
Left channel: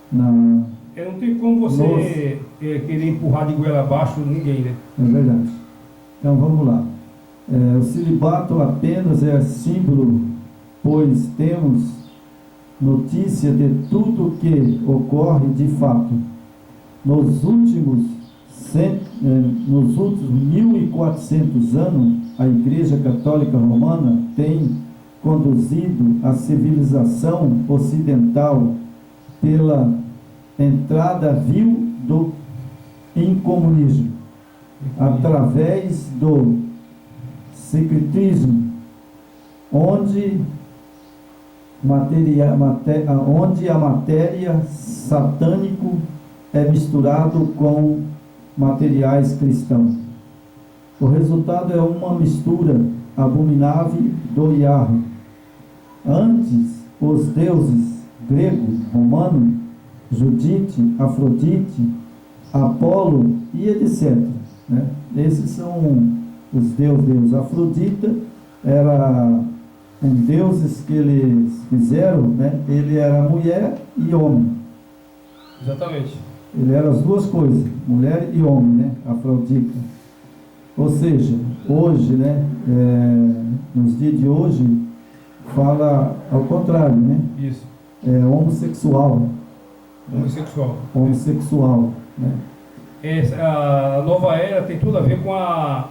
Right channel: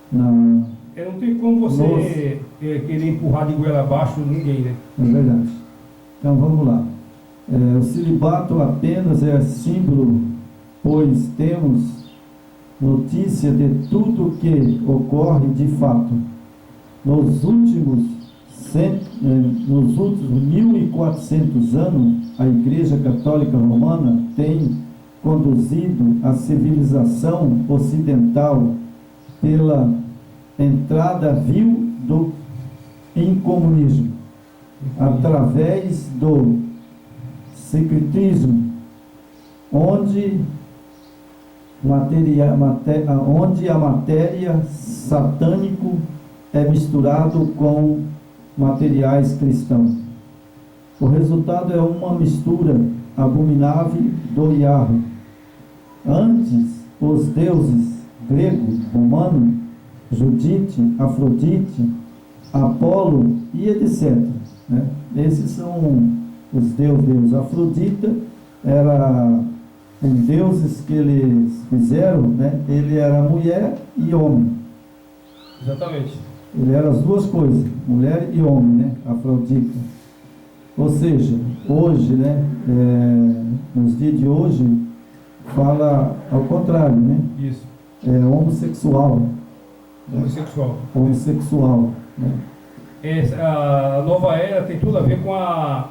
Não tem como você querer empurrar de goela abaixo ninguém, né? É verdade. Então vamos lá. O celibato apenas é símbolo, pois temos notícia de tudo o que ocorre de fato. Nos últimos 1400 anos, a Igreja Católica Romana tem conduzido a civilização ocidental pela entrada vil do incomunismo, através do secretismo, onde a matéria satânico é misturado com materiais cristãos. O resultado é uma mistura abominável do Yahweh. Antes, os deuses grego, romano, Judite, Afrodite, Apolo e etc., né? Esses são os deuses. Afrodita era um deuses que eles fizeram, né? Ele era mulher e homem. Exatamente. Ele era as duas coisas, mulher e homem, né? Afrodita. Ou seja, hoje, né? Nos dias de hoje, fala ao contrário, né? Isso. Homossexual. Homossexual. Homossexual, né? A nova era tem tudo a ver com a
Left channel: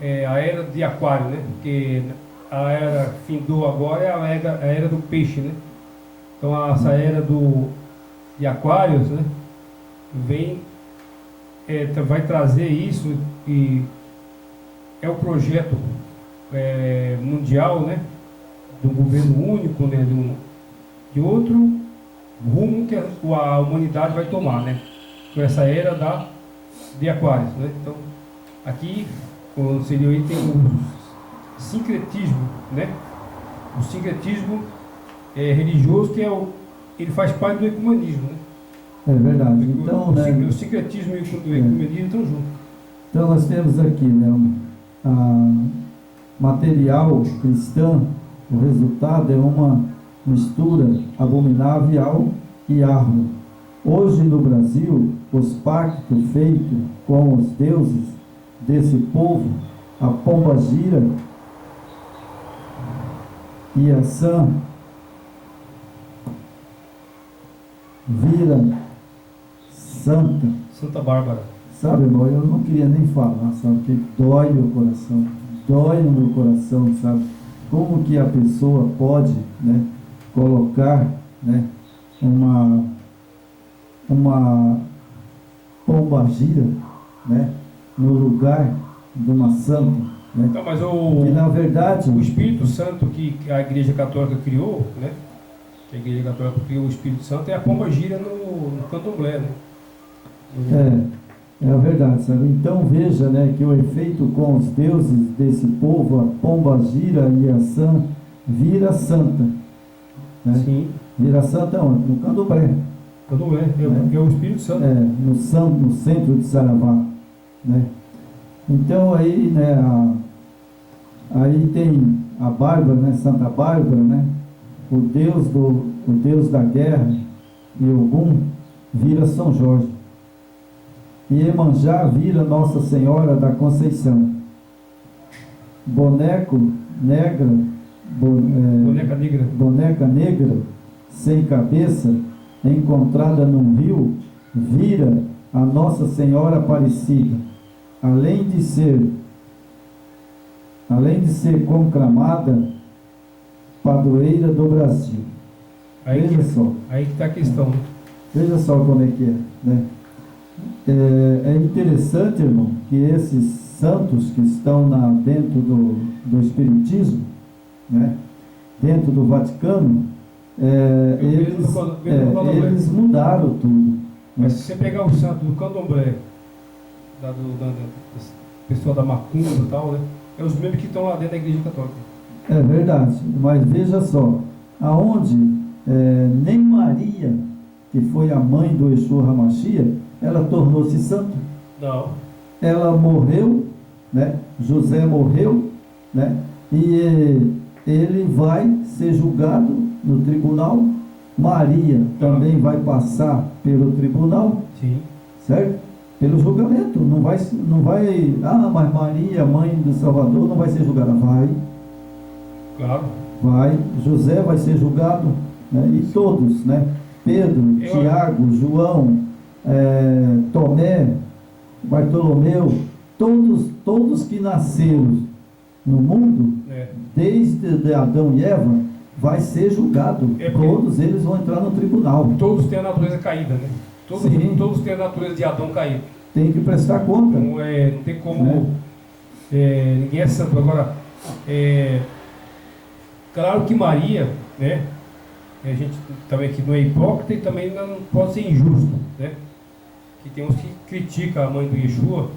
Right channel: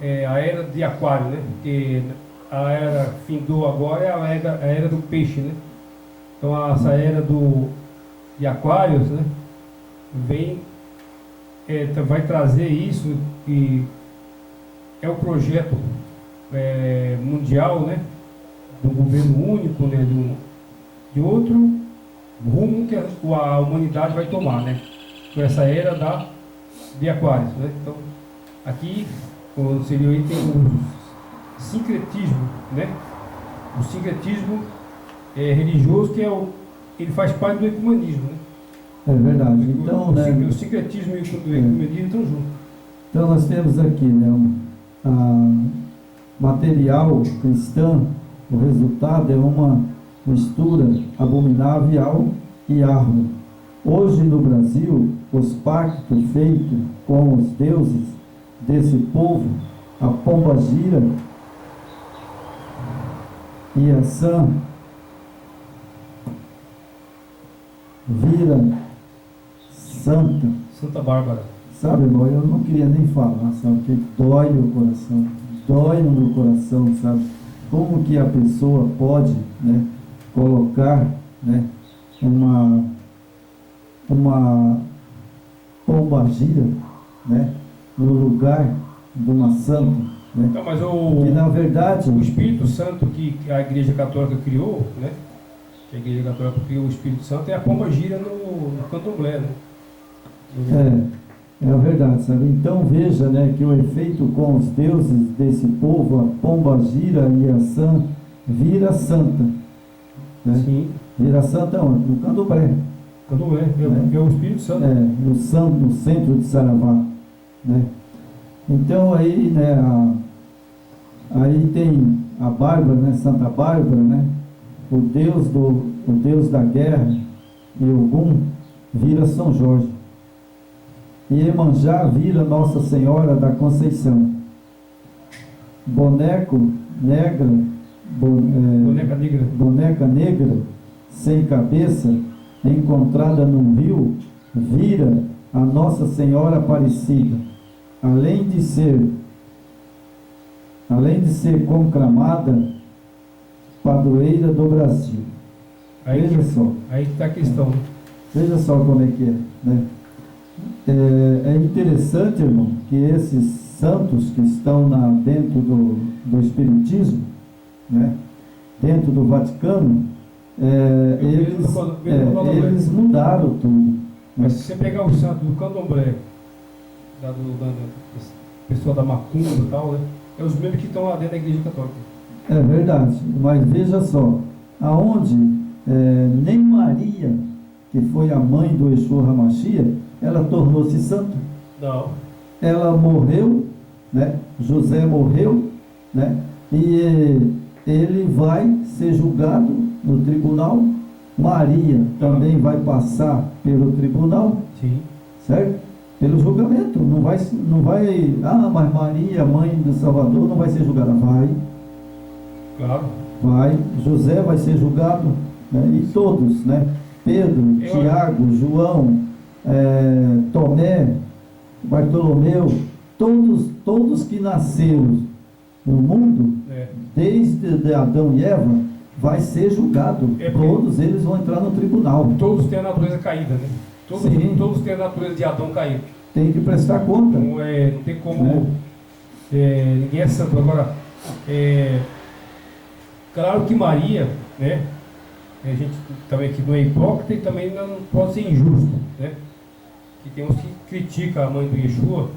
era de Aquário, né? Porque a era findou agora é a era do peixe, né? Então essa era de Aquários, né? Vai trazer isso e é o projeto mundial, né? De um governo único, né? De outro rumo que a humanidade vai tomar, né? Com essa era de Aquários, né? Então aqui seria aí tem o sincretismo, né? O sincretismo religioso que ele faz parte do ecumenismo, né? É verdade. Então, o sincretismo e o ecumenismo estão juntos. Então nós temos aqui, né, material cristão. O resultado é uma mistura abominável ao Yahweh. Hoje no Brasil, os pactos feitos com os deuses desse povo, a pombagira e a Sã, vira Santa Bárbara. Sabe, irmão, eu não queria nem falar, sabe, porque dói meu coração, dói no meu coração, sabe, como que a pessoa pode, né, colocar, né, uma pombagira, né, no lugar de uma santa, né? Então, mas que na verdade o Espírito Santo que a Igreja Católica criou, né, que a Igreja Católica criou o Espírito Santo, é a pombagira no candomblé, né? É a verdade, sabe? Então veja, né, que o efeito com os deuses desse povo, a pombagira e a Sã, vira santa, né? Sim. Vira santa onde? No candomblé. Candomblé, é o Espírito Santo. No centro de Saravá, né? Então aí, né, aí tem a Bárbara, né, Santa Bárbara, né? O Deus da guerra e Ogum vira São Jorge. E Iemanjá vira Nossa Senhora da Conceição. Boneca negra, sem cabeça, encontrada num rio, vira a Nossa Senhora Aparecida. Além de ser conclamada padroeira do Brasil. Veja só. Aí que está a questão. Veja só como é que é, né? É interessante, irmão, que esses santos que estão dentro do Espiritismo, né, dentro do Vaticano, eles mudaram tudo. Mas se você pegar o santo do candomblé, pessoal da macumba e tal, né? É os mesmos que estão lá dentro da igreja católica. É verdade, mas veja só, aonde nem Maria, que foi a mãe do Yeshua HaMashiach, ela tornou-se santa. Não. Ela morreu, né? José morreu, né? E ele vai ser julgado no tribunal. Maria também vai passar pelo tribunal, Sim. certo? Pelo julgamento. Não vai, mas Maria, mãe do Salvador, não vai ser julgada. Claro. Vai. José vai ser julgado, né? E todos, né? Pedro, Tiago, João, Tomé, Bartolomeu, todos que nasceram no mundo, desde Adão e Eva, vai ser julgado. Todos eles vão entrar no tribunal. Todos têm a natureza caída, né? Todos têm a natureza de Adão caído. Tem que prestar conta. Não tem como. Ninguém é santo. Agora, claro que Maria, né? A gente também aqui não é hipócrita e também não pode ser injusto, né? Que tem uns que criticam a mãe do Yeshua,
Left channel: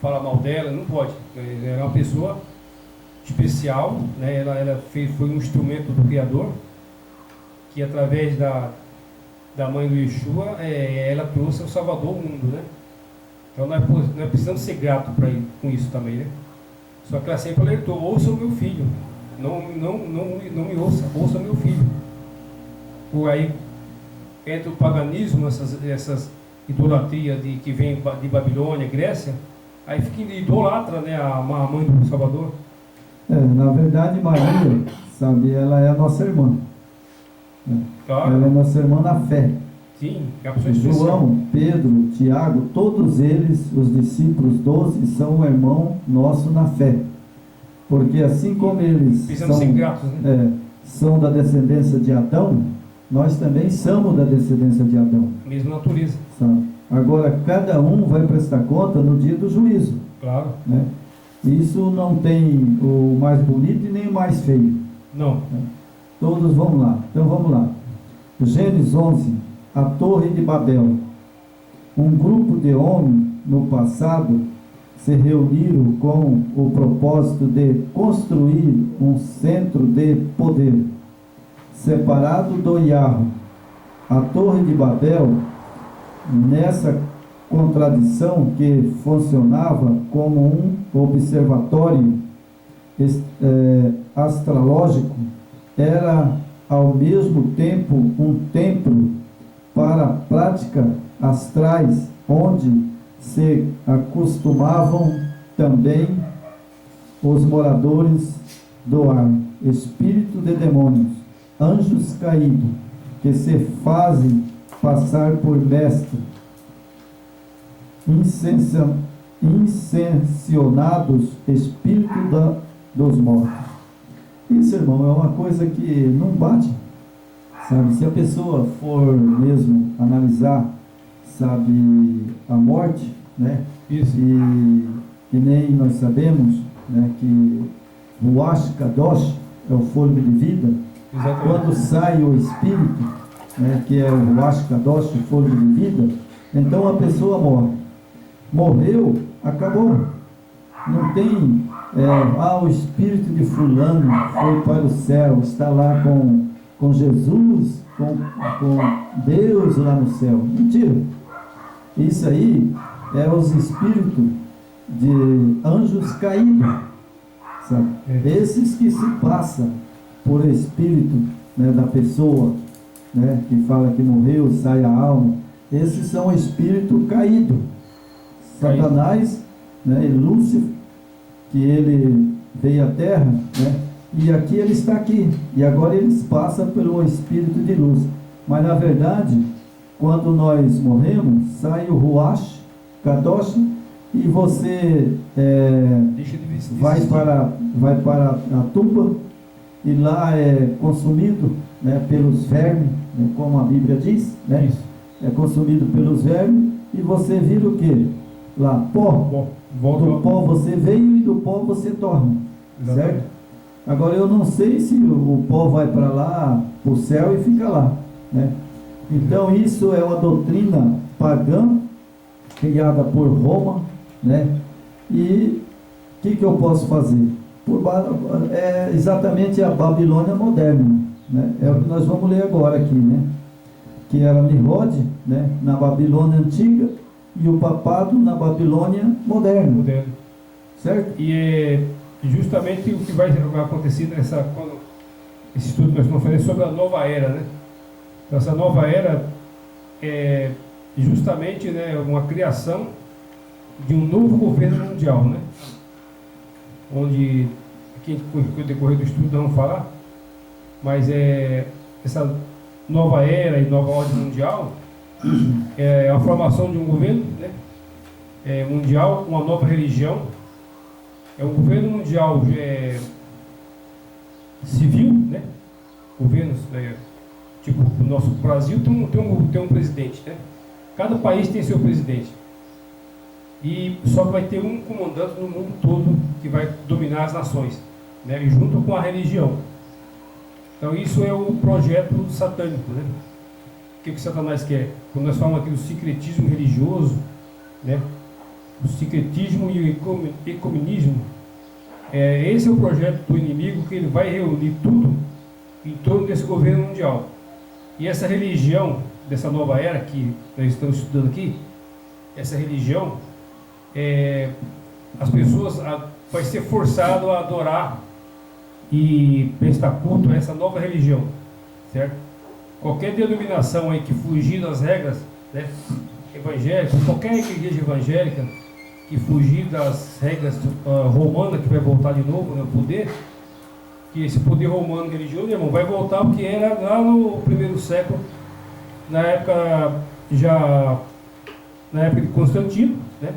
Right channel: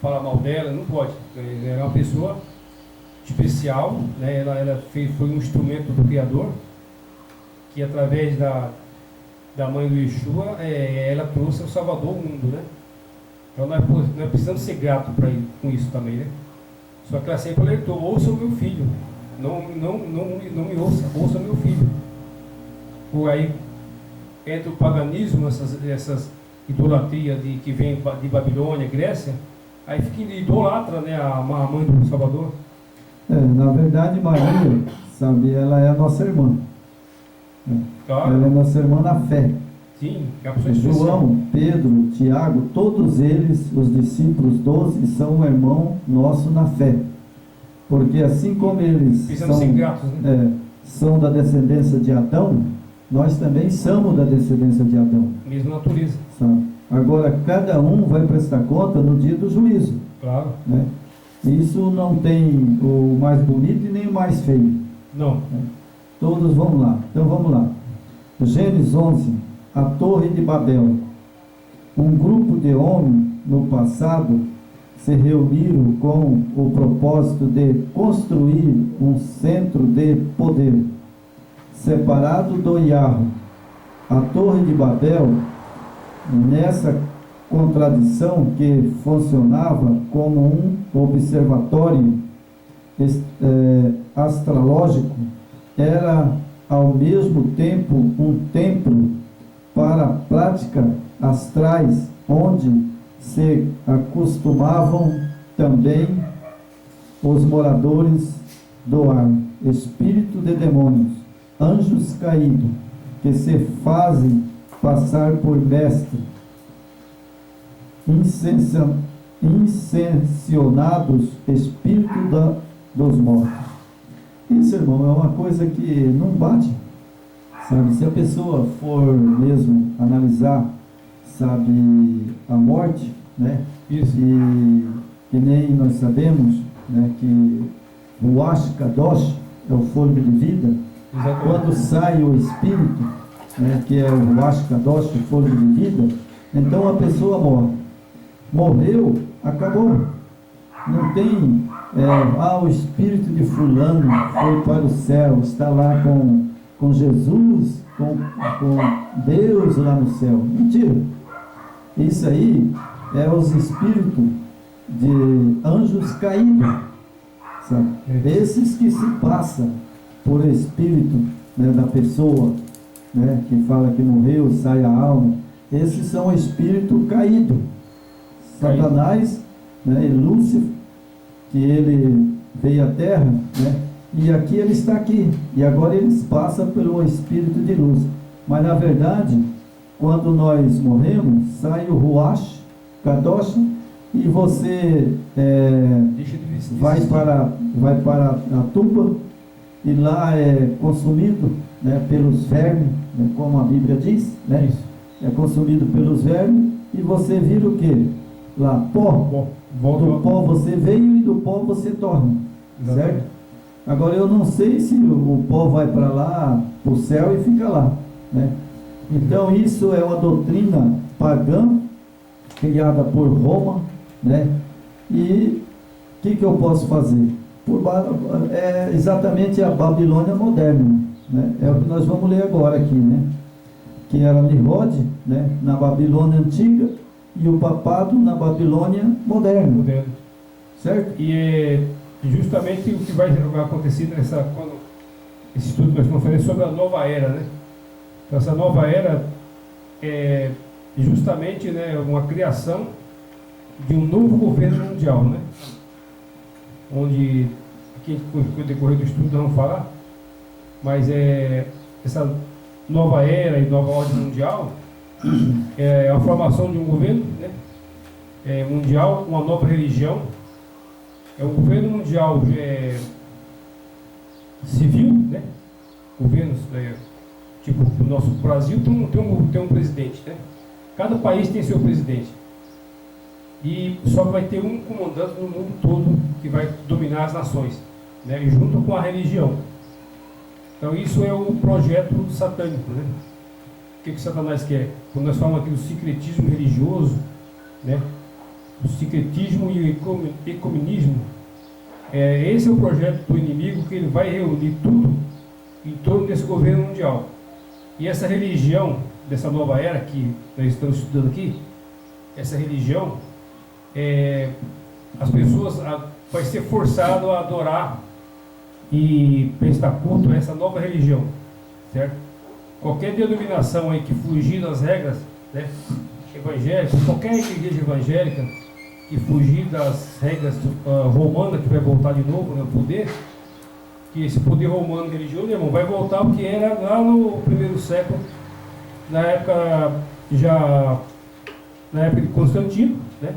fala mal dela, não pode. Ela é uma pessoa especial, né? Ela foi um instrumento do Criador, que através da mãe do Yeshua, ela trouxe o Salvador ao mundo, né? Então nós precisamos ser gratos com isso também, né? Só que ela sempre alertou: ouça o meu filho, não me ouça meu filho. Por aí entra o paganismo, essas idolatrias que vem de Babilônia, Grécia, aí fica idolatra, né, a mãe do Salvador. Na verdade, Maria, sabe, ela é a nossa irmã. Claro. Ela é nossa irmã na fé. Sim, é a pessoa especial. João, Pedro, Tiago, todos eles, os discípulos 12, são um irmão nosso na fé. Porque assim como eles ser gratos, né? São da descendência de Adão, nós também somos da descendência de Adão. Mesma natureza. Sabe? Agora, cada um vai prestar conta no dia do juízo. Claro. Né? Isso não tem o mais bonito e nem o mais feio. Não. Né? Todos vão lá. Então vamos lá. Gênesis 11, a Torre de Babel. Um grupo de homens no passado se reuniram com o propósito de construir um centro de poder separado do Yahweh. A Torre de Babel, nessa contradição que funcionava como um observatório astrológico, era ao mesmo tempo um templo para prática astrais, onde se acostumavam também os moradores do ar, espírito de demônios, anjos caídos, que se fazem passar por mestre, incensionados, espírito dos mortos. Isso, irmão, é uma coisa que não bate, sabe? Se a pessoa for mesmo analisar, sabe, a morte, né? Isso. E que nem nós sabemos, né, que o Ruach Kadosh é o fôlego de vida. Exatamente. Quando sai o espírito, né, que é o Ruach Kadosh, o fôlego de vida, então a pessoa morre. Morreu, acabou. Não tem, o espírito de fulano foi para o céu, está lá com Jesus, com Deus lá no céu. Mentira. Isso aí é os espíritos de anjos caídos, sabe? Esses que se passam por espírito, né, da pessoa, né, que fala que morreu, sai a alma. Esses são espírito caído. Satanás, né, e Lúcifer, que ele veio à terra, né, e aqui ele está aqui, e agora eles passam pelo espírito de luz. Mas na verdade, quando nós morremos, sai o Ruach Kadosh e você vai para a tumba, e lá é consumido, né, pelos vermes, né, como a Bíblia diz, né? Isso. É consumido pelos vermes, e você vira o quê? Lá, pó. Do pó você veio e do pó você torna. Exatamente. Certo? Agora eu não sei se o pó vai para lá, para o céu, e fica lá, né? Então isso é uma doutrina pagã, criada por Roma, né? E o que eu posso fazer? É exatamente a Babilônia moderna, né? É o que nós vamos ler agora aqui, né? Que era Nimrod, né? Na Babilônia antiga, e o papado na Babilônia moderna. Certo? E é justamente o que vai acontecer quando esse estudo que nós estamos fazendo sobre a nova era, né? Então, essa nova era é justamente, né, uma criação de um novo governo mundial, né? Onde, aqui no decorrer do estudo nós vamos falar, mas essa nova era e nova ordem mundial é a formação de um governo, né, mundial, uma nova religião, é um governo mundial civil, né? Governos, tipo o nosso Brasil tem um presidente, né? Cada país tem seu presidente. E só vai ter um comandante no mundo todo que vai dominar as nações, né? E junto com a religião. Então isso é o projeto satânico, né? O que Satanás quer? Quando nós falamos aqui do sincretismo religioso, né? O sincretismo e o ecumenismo, esse é o projeto do inimigo, que ele vai reunir tudo em torno desse governo mundial. E essa religião, dessa nova era que nós estamos estudando aqui, essa religião, as pessoas vai ser forçado a adorar e prestar culto a essa nova religião, certo? Qualquer denominação aí que fugir das regras, né, evangélicas, qualquer igreja evangélica que fugir das regras romanas, que vai voltar de novo, né, o poder, que esse poder romano religioso, irmão, vai voltar porque era lá no primeiro século, na época de Constantino, né?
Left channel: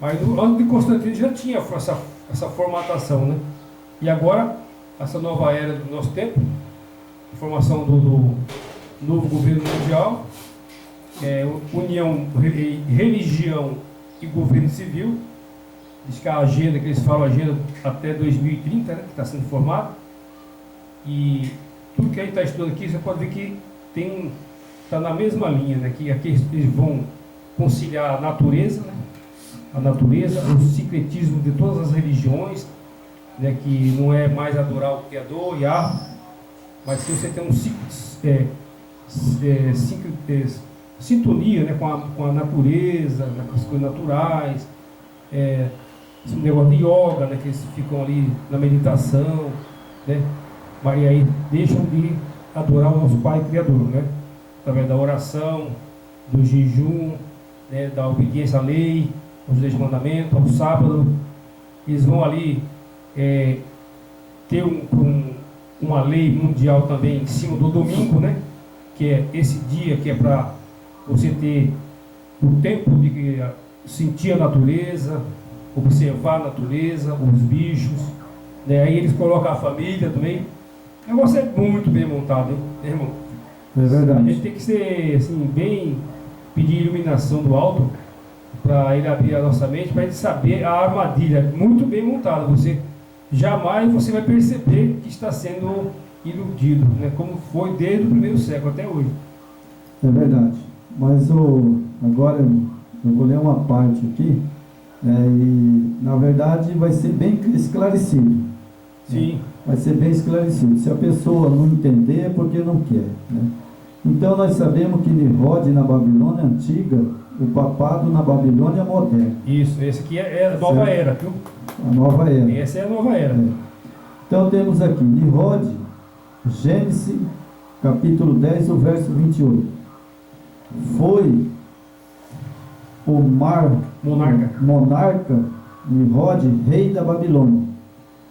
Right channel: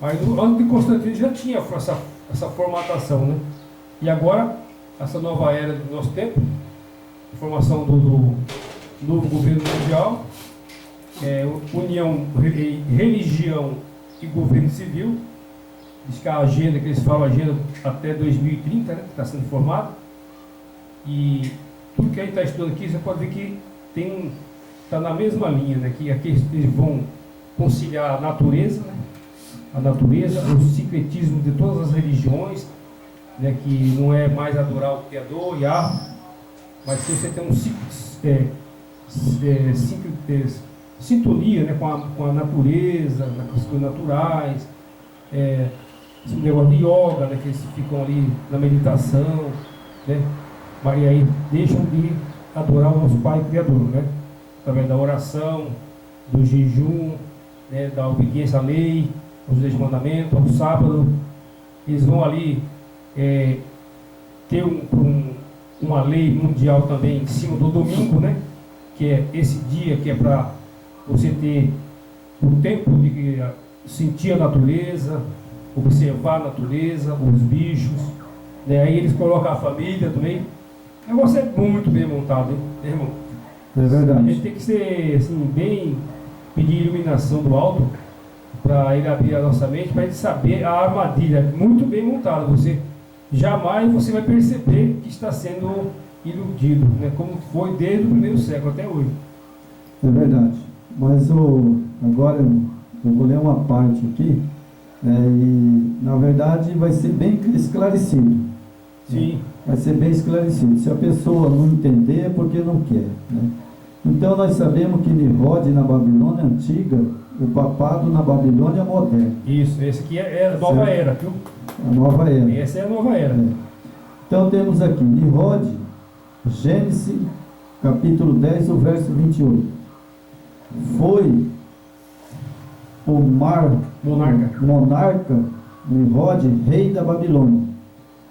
Mas antes de Constantino já tinha essa formatação, né? E agora, essa nova era do nosso tempo, a formação do novo governo mundial, união, religião e governo civil. Diz que a agenda, que eles falam, agenda até 2030, né, que está sendo formada. E tudo que a gente está estudando aqui, você pode ver que está na mesma linha, né? Que aqui eles vão conciliar a natureza, né? A natureza, o sincretismo de todas as religiões, né? Que não é mais adorar o Criador, Yahweh, mas se você tem sintonia, né? com a natureza, com as coisas naturais, esse negócio de yoga, né? Que eles ficam ali na meditação, né? Mas aí deixam de adorar o nosso Pai Criador, né? Através da oração, do jejum, né? Da obediência à lei, aos 10 mandamentos, ao sábado. Eles vão ali ter uma lei mundial também em cima do domingo, né? Que é esse dia que é para você ter o tempo de sentir a natureza, observar a natureza, os bichos, né? Aí eles colocam a família também. O negócio é muito bem montado, hein, irmão? É verdade. A gente tem que ser assim, pedir iluminação do alto para ele abrir a nossa mente, para ele saber a armadilha muito bem montada. Jamais você vai perceber que está sendo iludido, né? Como foi desde o primeiro século até hoje. É verdade. Mas agora eu vou ler uma parte aqui, e na verdade vai ser bem esclarecido. Sim. Vai ser bem esclarecido. Se a pessoa não entender, é porque não quer, né? Então nós sabemos que Nimrod na Babilônia antiga, o papado na Babilônia moderna. Isso, esse aqui é a nova era, viu? A nova era. Essa é a nova era. Então temos aqui Nimrod, Gênesis, capítulo 10, o verso 28. Foi o monarca Nimrod, rei da Babilônia,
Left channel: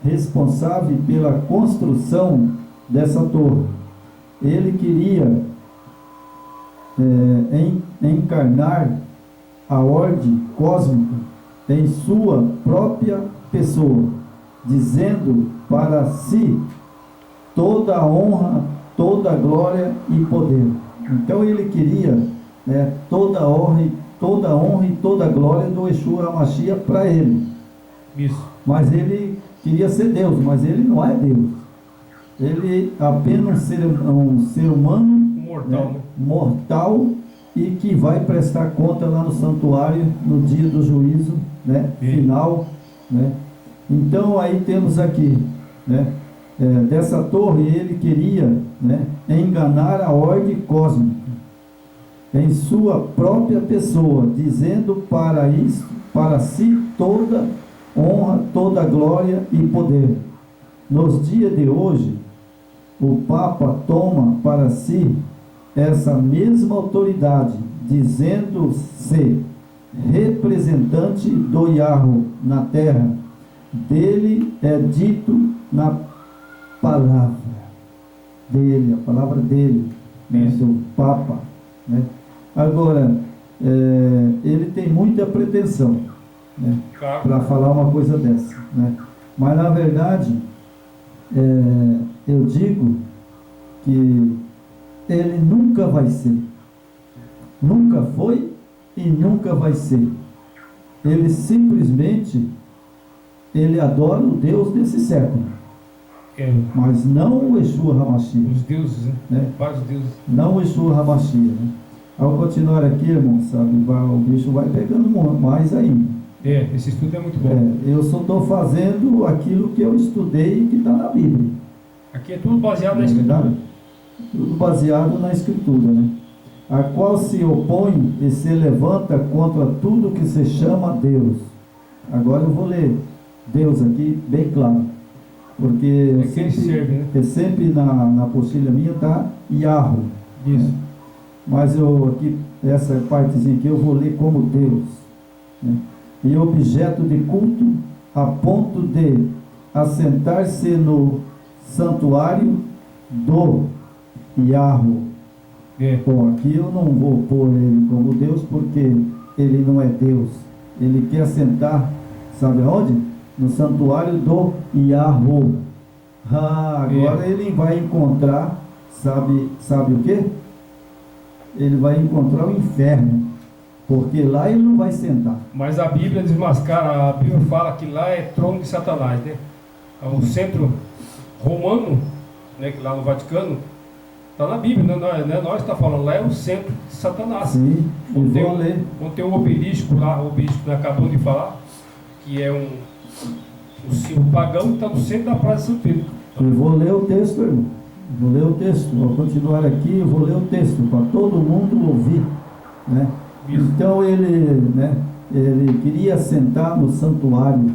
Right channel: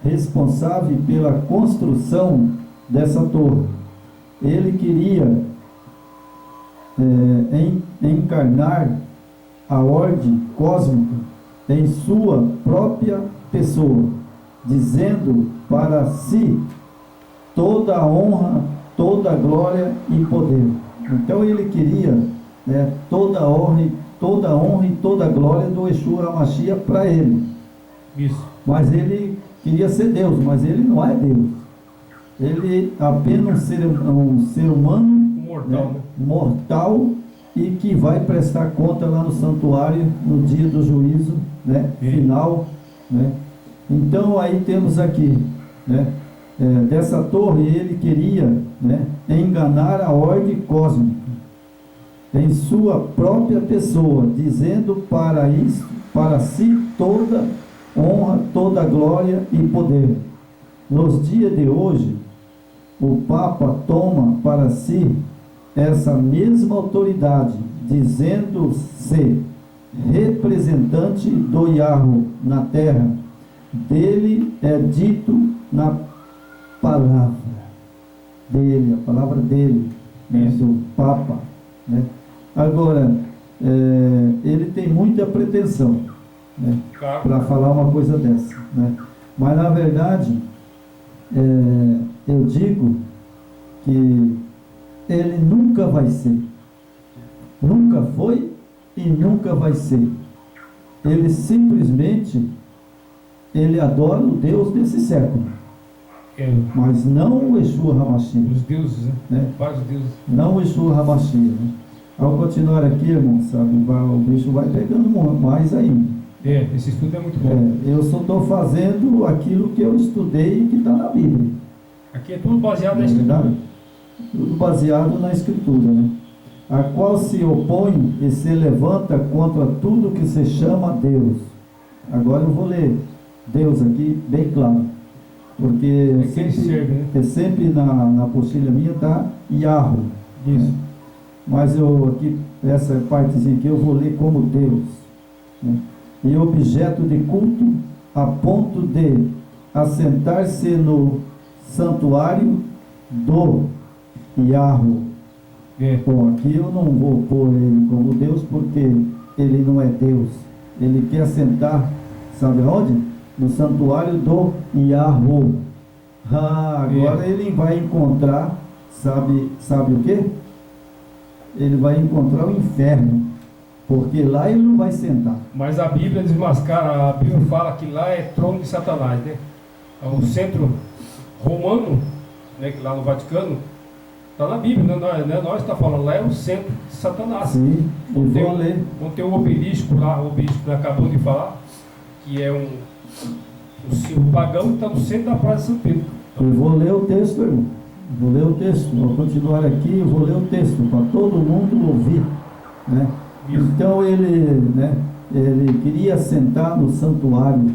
responsável pela construção dessa torre. Ele queria encarnar a ordem cósmica em sua própria pessoa, dizendo para si toda a honra, toda a glória e poder. Então ele queria, toda a honra e toda a glória do Yeshua HaMashiach para ele. Isso. Mas ele queria ser Deus, mas ele não é Deus. Ele é apenas um ser humano, mortal, né? Mortal, e que vai prestar conta lá no santuário no dia do juízo, né, final, né? Então aí temos aqui, né, dessa torre ele queria, né, enganar a ordem cósmica em sua própria pessoa, dizendo para si toda honra, toda glória e poder. Nos dias de hoje, o Papa toma para si essa mesma autoridade, dizendo-se representante do Yahweh na terra. Dele é dito na palavra dele, a palavra dele, né, do Papa, né? Agora, ele tem muita pretensão, né, para falar uma coisa dessa, né? Mas na verdade, eu digo que ele nunca vai ser, nunca foi e nunca vai ser. Ele simplesmente adora o Deus desse século, mas não o Yeshua HaMashiach. Os deuses, né? Vários deuses. Não o Yeshua HaMashiach, né? Ao continuar aqui, irmão, sabe, o bicho vai pegando mais ainda. Esse estudo é muito bom. Eu só estou fazendo aquilo que eu estudei e que está na Bíblia. Aqui é tudo baseado na Escritura. Tudo baseado na Escritura, né? A qual se opõe e se levanta contra tudo que se chama Deus. Agora eu vou ler Deus aqui bem claro, porque sempre na apostila minha está Yahweh. Isso. Mas eu aqui, essa partezinha aqui eu vou ler como Deus, né? E objeto de culto a ponto de assentar-se no santuário do Yahweh. Bom, aqui eu não vou pôr ele como Deus, porque ele não é Deus. Ele quer assentar, sabe aonde? No santuário do Yahweh. Agora ele vai encontrar, sabe o que? Ele vai encontrar o inferno, porque lá ele não vai sentar. Mas a Bíblia desmascara, a Bíblia fala que lá é trono de Satanás, né? O centro romano, né, que lá no Vaticano, está na Bíblia, né? Nós está falando, lá é o centro de Satanás. Sim, quando tem um obelisco lá, o obelisco que acabou de falar, que é um símbolo pagão, que está no centro da Praça de São Pedro. Eu vou ler o texto, irmão. Vou ler o texto, vou continuar aqui, eu vou ler o texto para todo mundo ouvir, né? Então ele queria sentar no santuário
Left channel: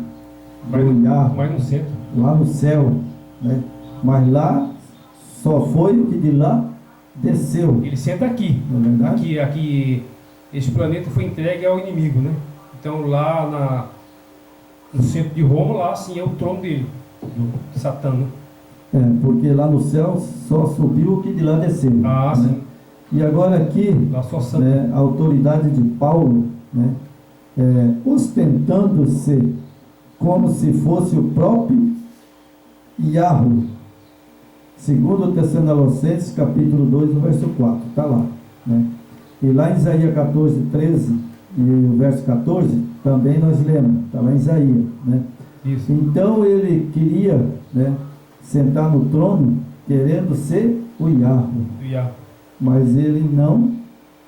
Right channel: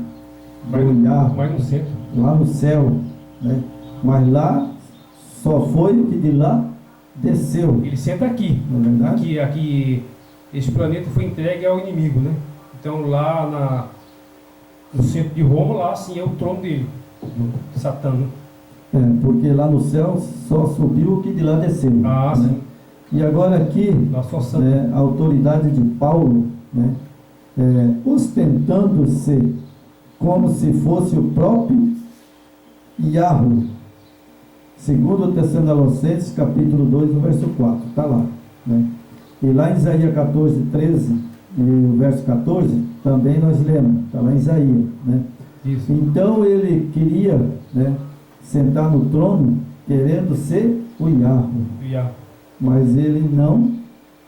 do Yahweh, mas no centro, lá no céu, né? Mas lá só foi o que de lá desceu. Ele senta aqui, não é verdade? Aqui esse planeta foi entregue ao inimigo, né? Então lá no centro de Roma, lá sim é o trono dele, de Satã, né? Porque lá no céu só subiu o que de lá desceu. Né? Sim. E agora aqui, a autoridade de Paulo, né, ostentando-se como se fosse o próprio Yahweh. Segundo Tessalonicenses, capítulo 2, no verso 4, está lá, né? E lá em Isaías 14, 13, e o verso 14, também nós lemos, está lá em Isaías, né? Isso. Então ele queria, né, sentar no trono, querendo ser o Yahweh. Mas ele não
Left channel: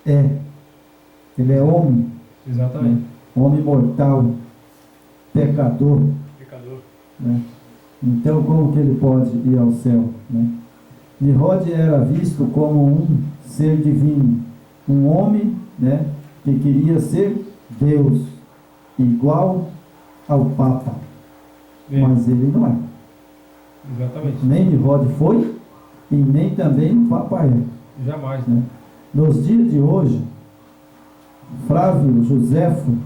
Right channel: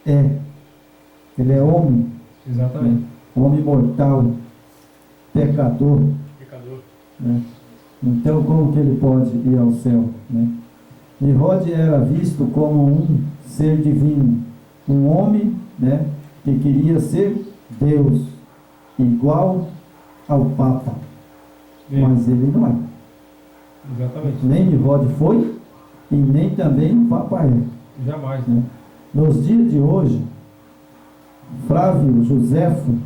é. Ele é homem. Exatamente. Né? Homem mortal, pecador. Né? Então como que ele pode ir ao céu? Né? Nimrod era visto como um ser divino, um homem, né, que queria ser Deus, igual ao Papa. Mas ele não é. Exatamente. Nem Nimrod foi e nem também o Papa é. Jamais. Né? Nos dias de hoje, Flávio Joséfo,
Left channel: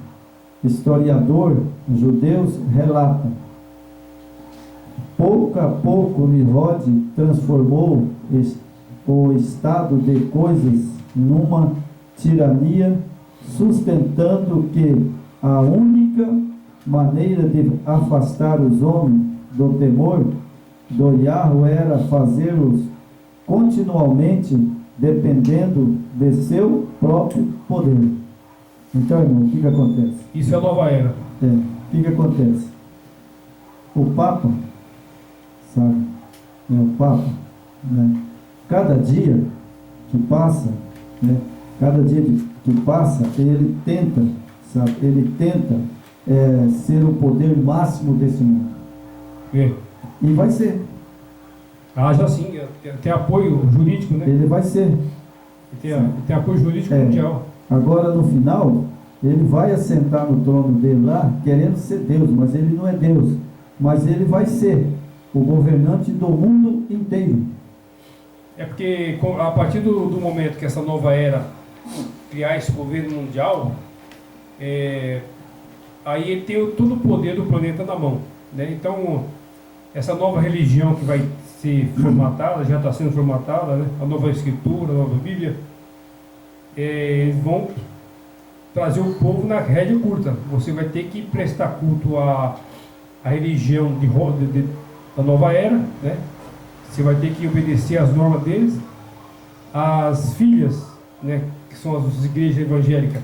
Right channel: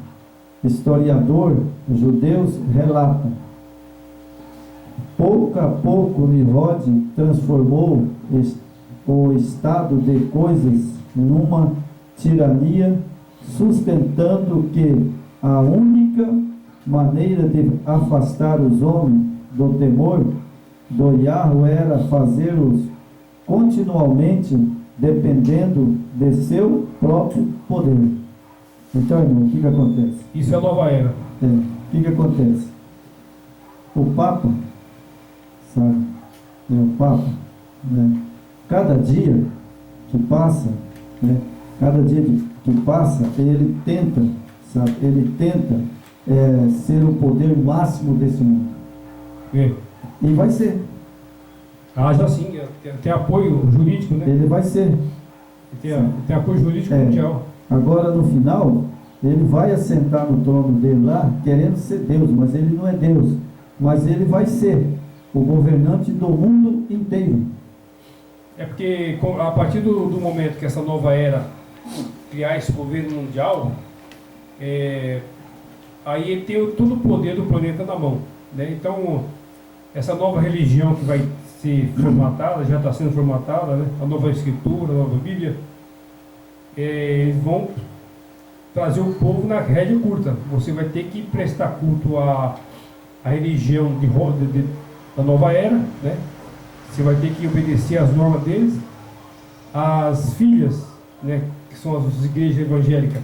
historiador judeus, relata: pouco a pouco Nimrod transformou o estado de coisas numa tirania, sustentando que a única maneira de afastar os homens do temor do Yahweh era fazê-los continuamente dependendo de seu próprio poder. Então, irmão, o que acontece? Isso é a nova era. O que acontece? O Papa, sabe? O Papa, né? Cada dia que passa, né? Cada dia que passa, ele tenta, sabe? Ele tenta ser o poder máximo desse mundo. É. E vai ser. Já sim, tem apoio jurídico, né? Ele vai ser. Tem apoio jurídico mundial. Agora, no final, ele vai assentar no trono dele lá, querendo ser Deus, mas ele não é Deus. Mas ele vai ser o governante do mundo inteiro. É porque a partir do momento que essa nova era criar esse governo mundial, aí ele tem todo o poder do planeta na mão, né? Então, essa nova religião que vai ser formatada, já está sendo formatada, né? A nova escritura, a nova Bíblia, eles vão trazer o povo na rédea curta. Você vai ter que prestar culto à religião da nova era, né? Você vai ter que obedecer às normas deles. As filhas, né, que são as igrejas evangélicas,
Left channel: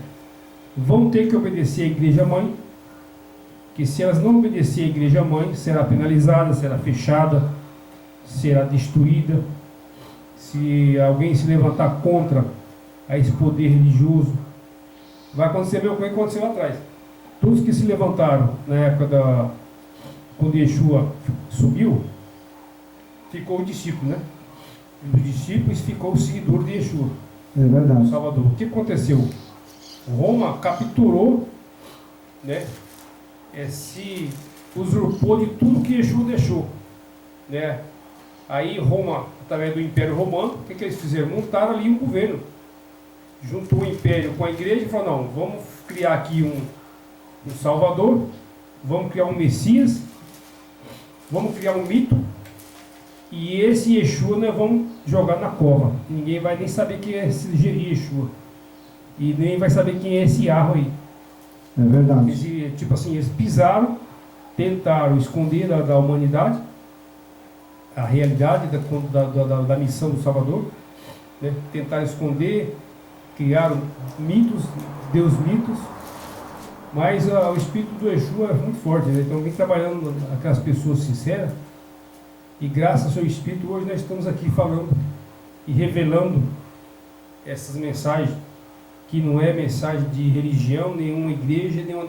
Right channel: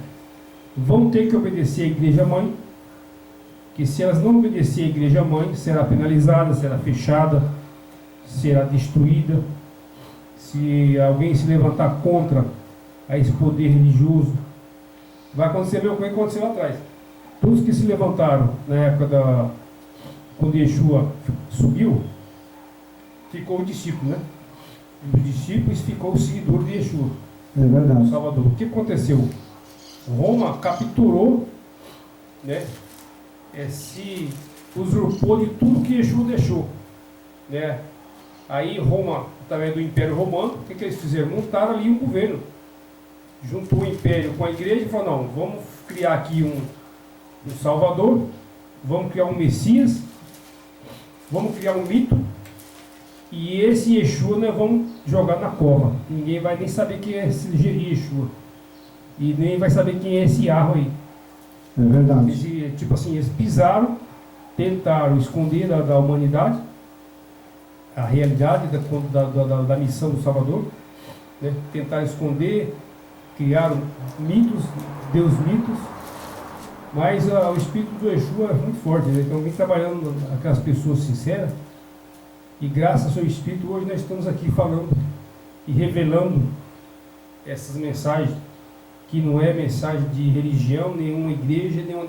vão ter que obedecer à igreja mãe, que se elas não obedecer à igreja mãe, será penalizada, será fechada, será destruída. Se alguém se levantar contra a esse poder religioso, vai acontecer a mesma coisa que aconteceu lá atrás. Todos que se levantaram na época quando Yeshua subiu, ficou o discípulo, né? E dos discípulos ficou o seguidor de Yeshua. É verdade. Salvador. O que aconteceu? Roma capturou, né? Se usurpou de tudo que Yeshua deixou, né? Aí Roma, através do Império Romano, o que eles fizeram? Montaram ali um governo. Juntou o Império com a igreja e falou, não, vamos criar aqui um Salvador, vamos criar um Messias, vamos criar um mito, e esse Yeshua nós vamos jogar na cova. Ninguém vai nem saber quem é esse Yeshua. E nem vai saber quem é esse Arro aí. É verdade. Tipo assim, eles pisaram, tentaram esconder da humanidade a realidade da missão do Salvador, né? Tentaram esconder, criaram mitos, Deus mitos, mas o espírito do Yeshua é muito forte, né? Então vem trabalhando aquelas pessoas sinceras, e graças ao seu espírito hoje nós estamos aqui falando e revelando essas mensagens, que não é mensagem de religião, nenhuma igreja, nenhuma